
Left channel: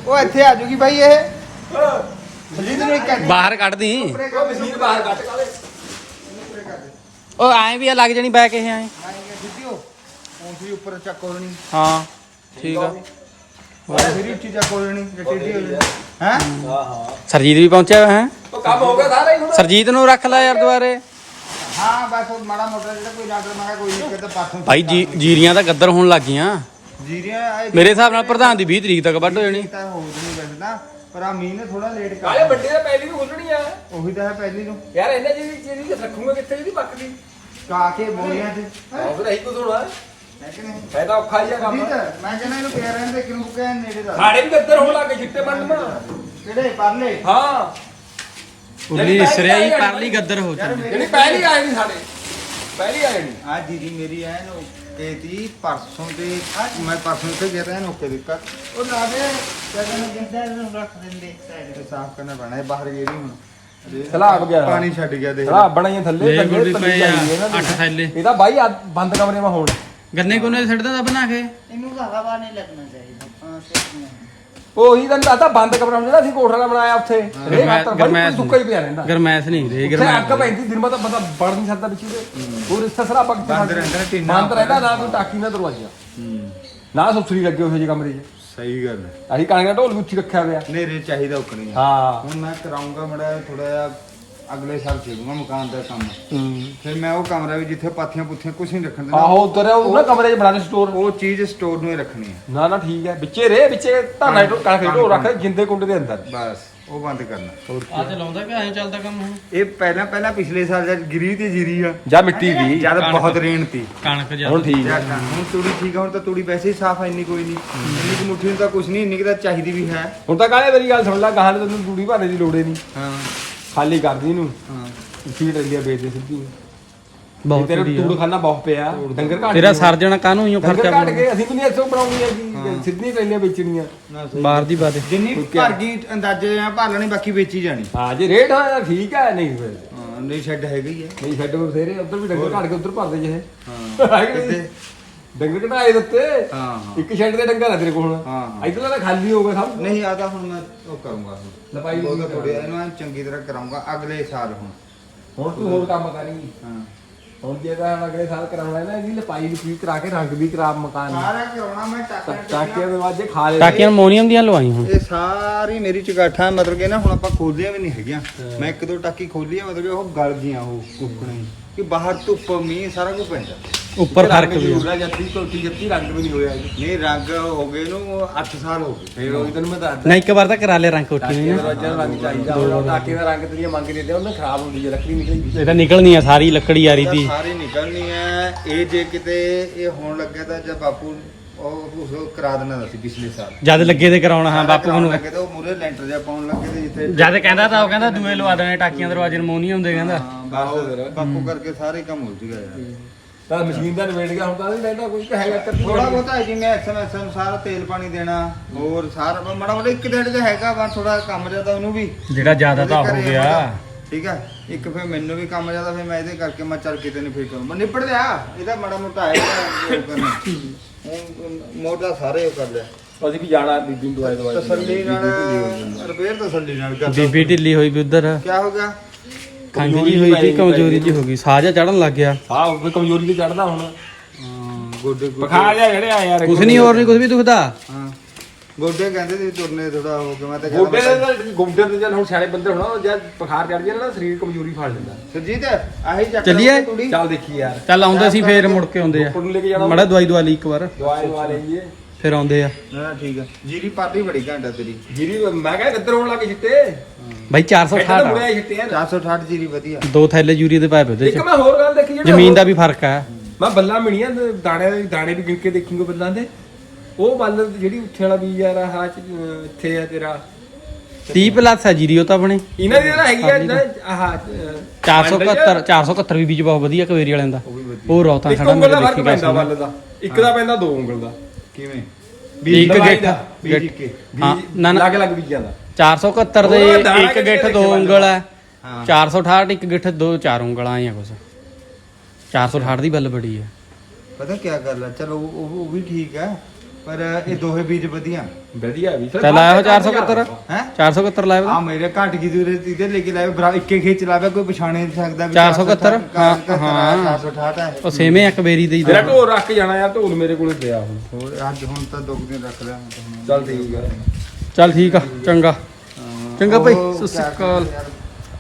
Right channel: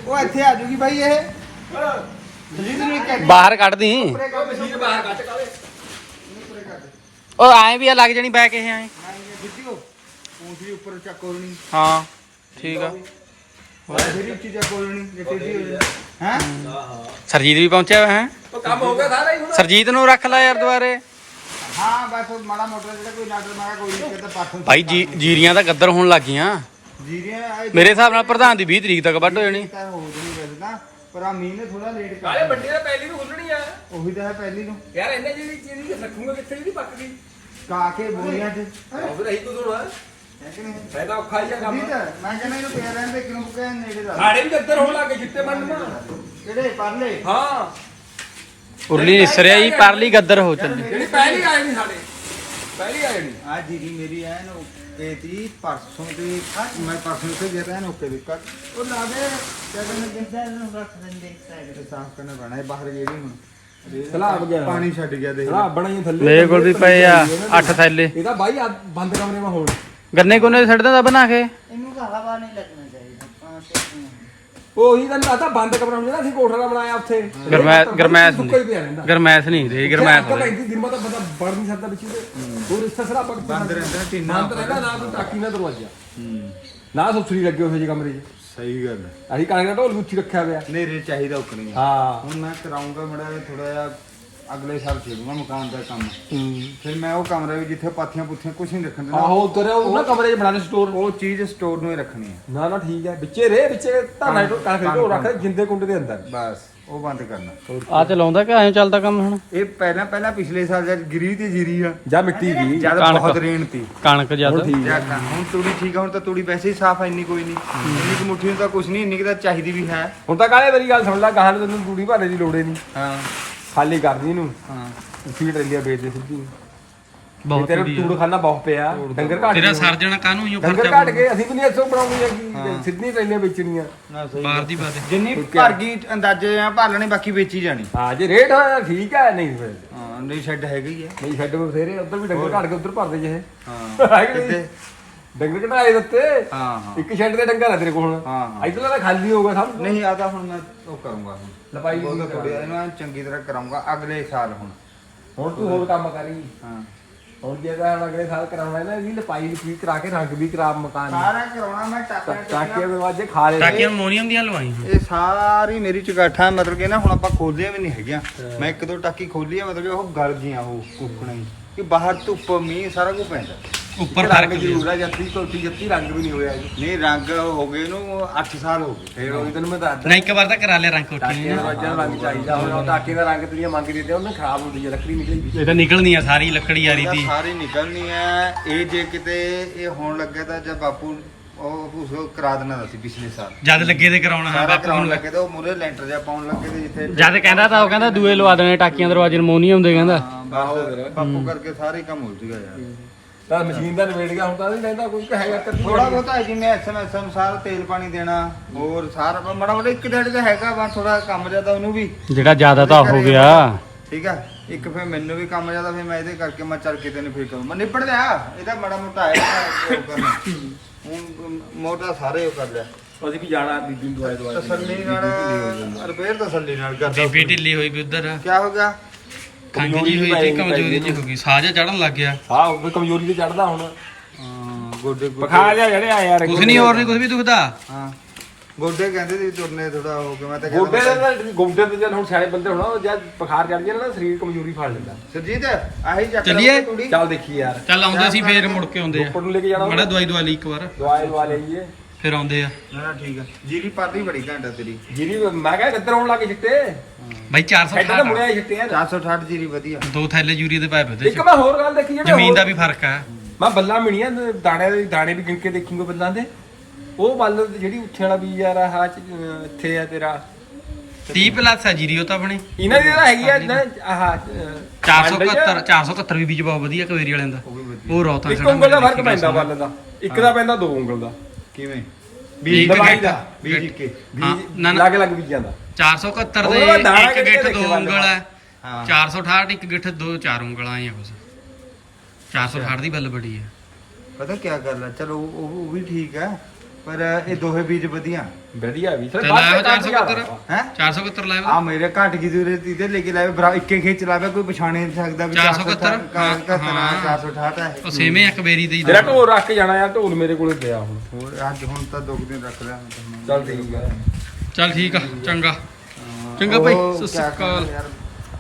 ਉਹ ਇੱਥੇ ਆ ਜੂਗੀ ਬਾਈ ਇਹ। ਜਲਦੀ ਨੂੰ ਇੱਕ ਬਾਹਰ ਕੱਢ ਦੀ। ਮਸ਼ੀਨ ਬਾਹਰ ਕੱਟ ਕਾਲੇ ਉਹ ਐਂ ਵੀ ਆ ਲੱਗ ਜਣੀ ਬੈ ਕੇ ਐਂ। ਜਿੱਦਿਓ ਪੌਂਸੀ ਉੱਪਰ ਚੱਕ ਹੋਣੀ ਹਾਂ ਠੀਕ ਆ। ਫਿਰ ਉੱਚੀ ਚੱਕ ਹੋਣੀ ਜੇ ਟੇਢੀ ਹੋ ਜਾਣੀ। ਹੈ? ਸਰਜੀਤ ਵੀ ਪਹੁੰਚਿਆ ਹੈ। ਉਹ ਕੰਮ ਹੋ ਗਿਆ ਸਾਰਾ ਹੀ ਹੁਣ। ਸਰਜੀਤ ਨੂੰ ਰੱਖ ਲੈ ਯਾਰ ਦੁਆਰੇ ਹਾਂ ਬਸ ਉਹ ਮਾੜਾ ਮੋਟਾ ਜਿਹੜਾ ਕੋਈ ਨਾਟਰ ਮਾਰਾ ਕੋਈ ਨਹੀਂ ਕਿਤੇ ਪਾਠੋਂ ਭਾਈ ਜੀ ਜੀਰੀਆਂ ਤਾਂ ਗੱਦਰ ਹੋਣ ਲੱਗ ਗਈਆਂ। ਜੀਰੀਆਂ ਆਏ ਮੇਰੇ ਹਿਸਾਬ ਨਾਲ ਪ੍ਰਧਾਨ ਦੀ 20 ਤਰੀਕ ਤੱਕ ਵੱਢ ਹੋ ਜਾਣੀ। ਤਾਂ ਹੋ ਜਣੀ ਵੈਸੇ ਤਾਂ ਪਰ ਆ ਮੀਂਹ ਨੇ ਥੋੜਾ ਲੇਟ ਕਰ ਵੱਡੇ ਦਾ ਪਹਿਲੀ ਨੂੰ ਖੁੱਲਣੀ ਆ। ਉਹੀ ਤਾਂ ਹੈ ਪਹਿਲੀ ਨੂੰ। ਯਾਰ ਇਹਨਾਂ ਜੀ ਵੀ ਚੀਜ਼ ਰੱਖੂਗਾ ਕਿੱਥੇ ਇਹਦੀ ਪੱਕਦੀ ਕਾ ਕੇ ਬੋਲੀਆਂ ਤੇ ਉਹ ਫਿਰ ਇਹੀ ਕੁਝ ਹੋਣਾ ਹੈ ਕਿ ਨਹੀਂ। ਫਾਇਦਾ ਔਖਾ ਹੀ ਆ ਕੰਮ। ਠੀਕ ਹੈ ਮੈਂ ਕਹਿੰਦਾ ਇਹਨੂੰ ਪਿਆ ਰਹਿਣ ਦੇ ਕਿਉਂ ਕਹਿ ਨੇੜੇ ਦਾ। ਸਾਡੇ ਵੀ ਗੱਦਰ ਹੋਣ ਲੱਗੇ ਚਿੱਟੇ ਬਣਨਾ ਕਿਹੜੇ ਪਰਲੇ? ਹਾਂ। ਉਰਲੀ ਨਿਸਰਿਆ ਹੀ ਪਰਲੀ ਗੱਦਰ ਹੋ ਚੱਲੀ। ਜਿਹੜੀ ਪਹਿਲੀ ਆਏ ਨਹੀਂ ਸਾਡੇ। ਪਹਿਲੀ ਆਏ ਨਹੀਂ। ਆ ਦੀਦੀ ਮੇਰੀ ਐ ਨੋ ਕਹਤੀ ਪਰਸੋਂ ਤੇ ਮੈਂ ਪਰਸੋਂ ਤੇ ਗਿਆ ਤਾਂ ਨੋਕੇ ਦੇ ਕਰ ਉਹ ਨਾ ਦੇ ਕਿਆ ਕਹਿੰਦਾ ਜਿੰਦਾ ਨੂੰ ਰੱਖ ਦਿੰਦੇ ਸਾਈਡ ਸਾਫ਼ ਕਰਨਾ ਪੈਣਾ ਇਹ ਬਾਹਰ ਗੇੜੀ ਹੁਣ। ਸਲਾਬ ਗਿਆ। ਪਾਣੀ ਛੱਡ ਗਿਆ ਦੇਖ ਹਾਂ ਬਣਾਈਆਂ ਥੱਲੇ ਮੇਰੇ ਕੋਲ ਵੀ ਪਏ ਆ ਇਹਨਾਂ ਦੇ। 8 ਥੈਲੇ। ਇਹਦਾ ਬਾਈ ਆ ਬੰਦ ਕਮਰੇ ਮਾ ਹੋਣ। ਗੰਨੇ ਕੋਨੇ ਛੱਡ ਦਿੰਦਾ ਬਣਾ ਕੇ। ਇਹਨੂੰ ਤਾਂ ਹਵਾ ਨਹੀਂ ਲੱਗਣਾ। ਉਹੀ ਤਾਂ ਆਦਾ ਬੰਦ ਕਮਰਾ ਹੁੰਦਾ ਅਸੀਂ ਕੋਠਾ ਜਿਹਾ ਬਣਾਇਆ ਉੱਥੇ। ਗਰਮੈਸ਼ ਗਰਮੈਸ਼ ਸੁੱਕਾ ਹੀ ਪਿਆ ਰਹਿੰਦਾ। ਗਰਮੈਸ਼ ਨਹੀਂ ਰੇ ਅੱਗ ਗਰਮੈਸ਼ ਪੈਂਦੀ ਦਿਨ ਮਾ ਤਾਂ ਬੰਦਾ ਵੜ ਨਹੀਂ ਸਕਦਾ ਵਿੱਚ ਇਹਦੇ ਹੋਰ ਇਸ ਤਰ੍ਹਾਂ ਪੱਕ ਬੰਦ ਰਹਿੰਦਾ ਨਾ ਟੀਨਾ ਬੰਦ ਰਹਿੰਦਾ ਨਾ ਕੋਈ ਟਾਕੀ ਨਾ ਦਰਵਾਜ਼ਾ। ਹੂੰ। ਨਾ ਸੁਥਰੀ ਲੱਗੇ ਹੋਏ ਜੇ ਕਮਰੇ 'ਚ। ਸਹੀ ਗੱਲ ਹੈ। ਅਸੀਂ ਦਾ ਢੋਲ ਉੱਚੀ ਰੱਖਿਆ ਪਿਆ ਨੇਰੇ ਚਾਹੀਦਾ ਉਕਣੀ ਹਾਂ। ਹੁਣ ਮੈਂ ਕਰਾਉਂਗਾ ਮੜਾ ਥੋੜਾ ਜਿਹਾ ਅਗਲੇ ਸਾਲ ਛੇੜੂਗਾ ਮਕਾਨ ਦਾ ਕੰਮ। ਹੂੰ। ਫਿਰ ਮੈਂ ਉਹ ਕਮਰਾ ਵੀ ਜਿੱਥੇ ਪਾਥੀਆਂ ਪੁੱਥੀਆਂ ਕੁਝ ਨਹੀਂ ਰੱਖਣ ਦੇਣਾ ਆਹੋ ਉਧਰ ਉਹ ਨਾ ਕਮਰੇ 'ਚ ਬਣਾਣੇ ਸਟੋਰ ਉਹ ਚੀਜ਼ ਸਟੋਰ ਨੂੰ ਹੀ ਰੱਖਣੀ ਹੈ ਨਾ ਨਾ ਠੀਕ ਹੈ ਵਿੱਚੇ ਰੇ ਵਿੱਚੇ ਧਾਨਾ ਕਣਕ ਦੇ ਢੋਲ ਰੱਖ ਜਿੰਦੇ ਕੁੰਡੇ ਦੇ ਅੰਦਰ। ਬਸ ਉਹ ਬੰਦ ਕਰਨਾ। ਆ ਚਲਾਉਂਦਾ ਕਿ ਐਂ ਚੱਲਦਾ ਕੰਮ ਹੁਣ? ਇਹ ਪਹਿਲਾਂ ਪਹਿਲਾਂ ਪਿਛਲੇ ਸਾਲ ਜਦ ਗਿਰੀ ਤੇ ਜੀਰੀ ਆ। ਜਾਂ ਮਿੱਟੀ ਦੀ ਜਦ। ਬਹੁਤ ਰੇਣ ਤੀ ਕਣਕ ਹੁਣ ਜਦ ਠੀਕ ਹੈ ਜਾਂ ਕਣ- ਹੁਣ ਤੂੜੀ ਠੀਕ ਆ ਹੁਣ ਤਾਂ ਤੂੜੀ ਵੈਸੇ ਹੀ ਸਾਫ਼ ਆ ਇੰਨੀ ਕੋਈ ਨਹੀਂ। ਇੰਨੀ ਕੁ ਮੁੱਠੀ ਨੂੰ ਤਾਂ ਕੁਝ ਨਹੀਂ ਇੰਨੀ ਕੁ ਤਾਂ ਚਾਹੀਦੀ ਵੀ ਹੈ। ਹੁਣ ਤਾਂ ਕਾਹਲੇ ਮੇਰੀ ਗੱਲ ਸੁਣ ਲੈ ਗਾਹਾਂ ਤੈਨੂੰ ਦੂੜੀ ਭਰਨੇ ਦੀ ਲੋੜ ਹੀ ਨਹੀਂ। ਹਾਂ। ਖਾਲੀ ਕਰਦੀ ਇਹਨੂੰ। ਹਾਂ। ਸੀਟ ਰਹਿੰਦੀ ਆ ਵੇਚ ਦੇ ਸਿੱਧੀ। ਬਹੁਤ ਤੇਰੇ ਵਧੀਆ। ਟੂੜ ਖਾਨਾ ਬਹੁਤ ਪਿਆ। ਡੰਗਰ ਘਾਟ ਤੇਰਾ ਗਏ। ਸਰਜਣਾ ਕਾਹਨੂੰ? ਹੀ ਡੰਗਰ ਖਰਚਾ ਘਾਟ ਗਏ। ਅਸੀਂ ਵੀ ਨਹੀਂ ਇੱਥੋਂ ਬਣਾਉਣੀਆਂ। ਸੀ ਸਿੱਧੀ ਟ੍ਰੇਨਾਂ ਵੇਚਣੀਆਂ। ਨਾ ਸਹੀ ਬਾਹਰ ਦੀ ਬਾਤ ਜਿੰਨੀ? ਭਰ ਗਈ ਅੰਦਾਜ਼ੇ ਆ ਭਰ ਲੈਣੀ ਬਾਕੀ ਵੇਚੀ ਜਾਣੀ। ਹਾਂ ਜੇ ਰੇਟ ਹੋਇਆ ਤਾਂ ਠੀਕ ਹੈ ਨਹੀਂ ਫਿਰ। ਹਾਂ ਨਹੀਂ ਛੱਡ ਹੈਗਾ ਆ। ਨਹੀਂ ਛੱਡ ਬਥੇਰੇ ਉੱਧਰ ਵੀ ਡੰਗਰ ਘਾਟ ਕੇ ਉੱਧਰ ਭਰਦੇ ਜੇ ਹਾਂ। ਹੈ ਕਿ ਨਹੀਂ? ਕਿੱਥੇ? ਡੰਗਰ ਘਟਾਏ ਦਿੱਤੇ। ਹਾਂ ਹਾਂ। ਇੱਕ ਸ਼ੈੱਡ ਦੇ ਡੰਗਰ ਆ ਤੇਰੇ ਕੋਲ ਹਾਂ, ਹਾਂ। ਇਧਰਲਾ ਤਾਂ ਖਾਲੀ ਹੋ ਗਿਆ ਸਭ। ਨਹੀਂ ਆ ਤਾਂ ਹੁਣ ਮੈਂ ਉਹ ਕਰੂੰਗਾ ਹੁਣ। ਲਪਾਈ ਬਹੁਤ ਵੀ ਥੋੜੀ ਇਹਨੂੰ ਐਨ ਚੰਗੀ ਤਰ੍ਹਾਂ ਕਰਾਉਂਗਾ ਅਗਲੇ ਸਾਲ ਹੁਣ। ਹੁਣ ਤੂੰ ਹੋਰ ਕੰਮ ਕਰੀ। ਹਾਂ। ਹੁਣ ਜੇ ਤਾਂ ਹੁਣ ਅਗਲੇ ਸਾਲ ਕਰਾਉਣਾ ਹੈ ਨਾ ਇਹਦੀ ਲਪਾਈ ਲਪੀ ਕਰਾ ਕੇ ਰੰਗ ਵੀ ਕਰਾ ਮਕਾਨ ਨੂੰ। ਸਾਰਾ ਕਰਾਉਣਾ ਮੈਂ ਟਾਕਾ ਟਾਕੀਆਂ ਦਰਵਾਜ਼ੇ ਖਾ ਲੈ ਟਾਕੀਆਂ ਅਮੋਨੀਅਮ ਦੀਆਂ ਲਵਾਈ ਹੁਣ। ਇਹ ਸਾਰੀ ਮੇਰੀ ਚਗਾਠਾਂ ਮਤਲਬ ਕਿ ਨਾ ਹੁਣ ਆਪਾਂ ਖੋਲੀਆਂ ਵੀ ਨਹੀਂ ਹੈਗੀਆਂ। ਮੈਂ ਇੱਕ ਦੋ ਟਾਕੀ ਖੋਲੀ ਆ ਮਤਲਬ ਕਿ ਉਹ ਗਲ ਗਈਆਂ ਉਹ ਕੁੱਕਣਾ। ਹੀ ਕਿ ਬਾਹਰ ਧੁੱਪ ਮੀਂਹ ਸਾਰਾ ਕੁਝ ਪੈਂਦਾ। ਉੱਪਰ ਰੰਗ ਫ਼ਰਕ ਵੀ। ਜ਼ਰੂਰ ਹੈ ਜੱਤੀ ਕੋਟੀ ਜੱਤੀ ਰੰਗ ਵੀ ਨਹੀਂ ਹੋਇਆ ਜੀ। ਨਹੀਂ ਰੰਗ ਹੋ ਗਏ ਨੂੰ 8 ਸਾਲ ਹੋ ਗਏ। ਫੇਰ ਉਹੀ ਤੈਨੂੰ ਮੈਂ ਦੱਸਦਾ। ਨਹੀਂ ਇੱਕ ਵਾਰ ਤਾਂ ਕਰਾ ਲੈ ਰੰਗ ਕੋਠੀ ਦਰਵਾਜ਼ੇ ਦਾ ਰੰਗ ਚਾਹੀਦਾ ਹੁਣ ਉਹ ਟਾਕੀ ਦਾ ਰੰਗ ਤੇਰੀਆਂ ਮੰਗ ਦਿੰਦੇ ਉਹਨੇ ਖਰਾਬ ਹੁੰਦੀ ਹੈ ਲੱਕੜੀ ਨਿਕਲੀ ਇਹ ਤਾਂ ਨਿਕਲਣੀ ਆ ਸਾਰੀ ਲੱਕੜੀ ਆ ਰਹੀ ਇਹਦਾ ਤੀ ਸਾਰੀ ਨਿਕਲਣੀ ਹੈ ਇਹ ਜੇ ਕਿਤੇ ਇਹ ਹੋਣ ਲੱਗਿਆ ਤਾਂ ਜਦ ਬਾਪੂ ਉਹ ਉਸ ਕਰਾ ਦੇਣਾ ਸੀ ਪਿਛਲੇ ਸਾਲ। ਜਦ ਲੱਗੇ ਤੇ ਕਰਾਉਣਾ ਹਾਂ ਸਾਰਾ ਬਾਪੂ ਕਰਾਉਣ ਨੂੰ। ਲੱਗੇ ਤਾਂ ਉਹ ਮੂਰੇ ਲੈਂਟਰ ਜਿਹਾ ਪਾਉਣ ਲੱਗੇ ਤੇ ਜਿੱਥੇ ਜਦ ਕਹਿੰਦਾ ਤਾਂ ਉਹ ਕਹਿੰਦਾ ਦੂਏ ਲਵਾ ਦੇਣੇ ਟਾਕੀਆਂ ਦਰਵਾਜ਼ੇ ਅਮੋਨੀਅਮ ਦੇ ਕਹਿੰਦਾ। ਹਾਂ, ਬਸ ਬਾਪੂ ਕਰਕੇ ਸਾਰੇ ਕੰਮ ਹੋ ਜੂਗਾ ਯਾਰ। ਤਾਂ ਮਸ਼ੀਨ ਦਾ ਨਿਬੇੜ ਗਿਆ ਹੁਣ ਤਾਂ ਨਹੀਂ ਲੈਂਦਾ ਕੋਈ ਕਹੇਗਾ ਕਰਦੀ ਥੋੜਾ ਬਹੁਤਾ ਹੈ ਜਿਵੇਂ ਐਸਐਮਐਸ ਅਨੁਸਾਰ ਤੇਲ ਪਾਣੀ ਦੇਣਾ ਹੋਰ ਸਾਰਾ ਮਾੜਾ ਮੋਟਾ ਇੱਕ ਡੇਢ ਤੇ ਹੈਗਾ ਵਾ ਥੋੜਾ ਕੰਮ ਜ਼ਿਆਦਾ ਉਹਨੂੰ ਵੀ। ਜਿਹੜਾ ਜ਼ਿਆਦਾ ਤਾਂ ਹੋ ਗਿਆ। ਠੀਕ ਆ ਇੱਕ ਫਿਰ ਮੈਨੂੰ ਵੀ ਕੰਮ ਜ਼ਿਆਦਾ ਫਿਰ ਮੈਂ ਇਹਦੇ ਕਰਕੇ ਮੈਂ ਚੱਲ ਕਿਤੇ ਨੂੰ ਫਿਰ ਕਰੂੰ। ਮੈਂ ਨਿਬੜ ਲਿਆ ਇਹਦਾ ਮਾੜਾ ਮੋਟਾ ਹੈ ਉਹ ਕਰਨਾ। ਹੁਣ ਮੋਟਾ ਸਾਰੇ ਉਹ ਕਰ ਲਿਆ ਅਸੀਂ ਵੀ ਜਾਣਾ ਬੀਬੀ ਦਵਾਈ ਦਵਾਈ ਤਸੱਲੀ ਨਾਲ ਰਿਪੇਅਰ ਤਸੱਲੀ ਨਾਲ ਕਰਦਾ ਬੀਬੀ ਢਿੱਲੀ ਹੋਈ ਵੀ ਉਧਰ। ਕੀ ਹੋ ਗਿਆ? ਖੰਗ ਜੀ ਹੋਈ ਸੀ ਕਮਜ਼ੋਰੀ ਜੀ ਹੋ ਗਈ। ਸਾਹ ਜਿਹਾ ਚੜਨ ਲੱਗ ਗਿਆ। ਹਾਂ ਉਹ ਵੀ ਕਮਜ਼ੋਰੀ ਤੇ ਚੜਦਾ ਹੁਣ। ਗੋਡੇ ਗੋਡੇ ਬੁਖਾਰ ਜਿਹਾ ਜਿਹੜੇ ਆ ਯਾਰ ਕੁਛ ਨਹੀਂ ਹੋਰ ਨਹੀਂ ਕੁਛ ਵੀ ਦੁਖਦਾ? ਹਾਂ। ਗੋਡੇ ਕਹਿੰਦੇ ਸੀ ਤੁਰਨੇ ਥੋੜਾ ਹੋ ਕੇ ਮੈਂ ਤਾਂ ਗੋਡੇ ਦੇ ਕਹਿੰਦਾ ਨਾਲ ਗੋਡੇ ਤੇ ਜਦ ਹੁਣ ਸਿਆਣੇ ਬੰਦੇ ਹੋਣਾ ਉਹ ਜਦ ਬੁਖਾਰ ਚੜ ਜਾਣਾ ਨਾ ਸਰੀਰ ਕਮਜ਼ੋਰੀ ਫੜ ਲੈਂਦਾ। ਸੁਰਜੀਤ ਆਹੀ ਚੱਕ ਚੱਲੀਏ? ਲਓ ਤੂੜੀ। ਚੱਲ ਦੇਖੀ ਯਾਰ। ਚੱਲ ਆਉਂਦੇ ਸੀ ਫੇਰ ਮੁੜ ਕੇ ਆਉਂਦੇ ਆ। ਉੱਪਰ ਨੂੰ ਲੈ ਕੇ ਜਾਣਾ। ਮੜਾ ਦਵਾਈ ਦਵਾ ਲਈ ਇੱਕ ਵਾਰ। ਦਵਾਈ ਦਵਾ ਲਈਏ। ਫਿਰ ਆਉਂਦੇ ਆ। ਨਾ ਠੀਕ ਆ। ਜੀਰੀ ਪਾਲੀ ਬੜੀ ਘੰਟਾ ਤੇਰੀ। ਜਿਹੜੀ ਮੈਂ ਕਿਹਾ ਇੱਧਰ ਹੋਣ ਲੱਗੇ ਚਿੱਟੇ? ਬਾਈ ਇੱਧਰ ਤਾਂ 460 ਮੁੜਿਆ ਹੀ ਆ 460 ਜੀਰੀ ਵਧੀਆ। ਦੋ ਥੈਲੇ ਯੂਰੀ ਦੇ ਪਾਏ ਉਹਦੇ ਇੱਕ ਚ। ਮੈਂ ਹੋਰ ਗੱਲ ਦੇਖੀ ਜਿਹੜੇ ਜ਼ਮੀਨ ਹੋਰ- ਦਾ ਵੀ ਫ਼ਰਕ ਆ। ਮੈਂ ਬੱਲਾ ਮਿਣੀਆਂ ਦਾਣੇ ਦੇ ਦਾਣੇ ਵੀ ਗਿਣ ਕੇ ਦੇਖੀਂਗੇ ਬੱਲਾਂ ਦੇ। ਉਹ ਬੱਲ ਜਿਹੜੀ ਉੱਥੇ ਵਾਲਾ ਬੀਜ ਯਾਰ ਆਹ ਚ, ਅਹ, ਇੱਥੇ ਆ ਤੇਰਾ। 30 ਪਲੱਸ ਆ ਜੀਰੀ ਉਹ ਤਾਂ ਆਪਣੀ। ਇਹਨਾਂ ਦੀ ਤਾਂ ਹੈਗੀ ਆ ਨਾ ਆਹ ਅਹ, 471 471 ਵੀ ਬੀਜ ਬਹੁਤ ਵਧੀਆ ਕਵੇਰੀ ਵਾਲਿਆਂ ਦਾ। ਉਹ ਵੀ ਵਧੀਆ। ਉਹ ਰੌਤਾ ਇੱਕ ਖੜਾ ਉਂਗਲ ਦਾ ਫ਼ਰਕ ਪੈਂਦਾ ਬਸ ਬੱਲ ਦਾ ਇੱਕ ਦਾ ਪੈਂਦਾ ਦੋ ਉਂਗਲ ਦਾ। ਕਿਵੇਂ? ਗਿੱਠ ਦਾ, ਬੀਜ ਗਿੱਠ। ਕੇ ਹਾਂ ਨਾ ਨਾ। ਲੱਗ ਲੱਗ ਬੀਜਾਂ ਦਾ। 471 ਦੇ ਇੱਕ ਗਿੱਠ ਦੋ ਉਂਗਲ ਆ। ਹਾਂ। 468 ਇੱਕ ਗਿੱਠ ਦੋ ਚਾਰ ਉਂਗਲਾਂ ਆ ਕੁਛ। 468 ਦੀ ਬੱਲ ਬੜੀ ਆ। ਪਤਾ ਕੀ ਗੱਲ ਆ? ਚਲੋ ਉਹ ਉਹ ਵੀ ਠੀਕ ਆ। ਪਰ ਇਹ ਦੋਹੇ ਬੀਜ ਵਧੀਆ। ਵਧੀਆ ਵੀ। ਤੇ ਲਾਇਆ 471 ਹੈ? 471 ਲਾਇਆ ਆ ਮੇਰੇ ਘੱਟ ਕੀ ਦੂਰੇ ਇਹਦੇ ਲੈ ਕੇ ਲਾਵੇ ਬਰਾ ਇੱਕੇ ਖੇਚ ਲਾਵੇ ਕੋਈ ਪਛਾਣੇ ਨਹੀਂ ਸਕਦਾ ਵੀ 471 468 ਹਾਂ। 468 ਹੈ ਉਹ ਸੇਵੇਂ ਇੱਕ ਬੇਰੀ ਦੇ ਦੋ। ਢੋਲ ਰੱਖ ਜਾਣਾ ਯਾਰ ਢੋਲ ਮੇਰੇ ਕੋਲੇ ਪਿਆ ਹੁਣ। ਹੋਰ ਅੱਜ ਹੁਣ ਤਾਂ ਦੋ ਕੁ ਦਿਨ ਰੱਖ ਲਿਆ ਹੁਣ ਤਾਂ। ਚੱਲ ਠੀਕ ਆ। ਚੱਲ ਠੀਕ ਆ ਚੰਗਾ। ਚੰਗਾ ਭਾਈ, ਸਤਿ ਸ਼੍ਰੀ ਅਕਾਲ। ਯਾਰ,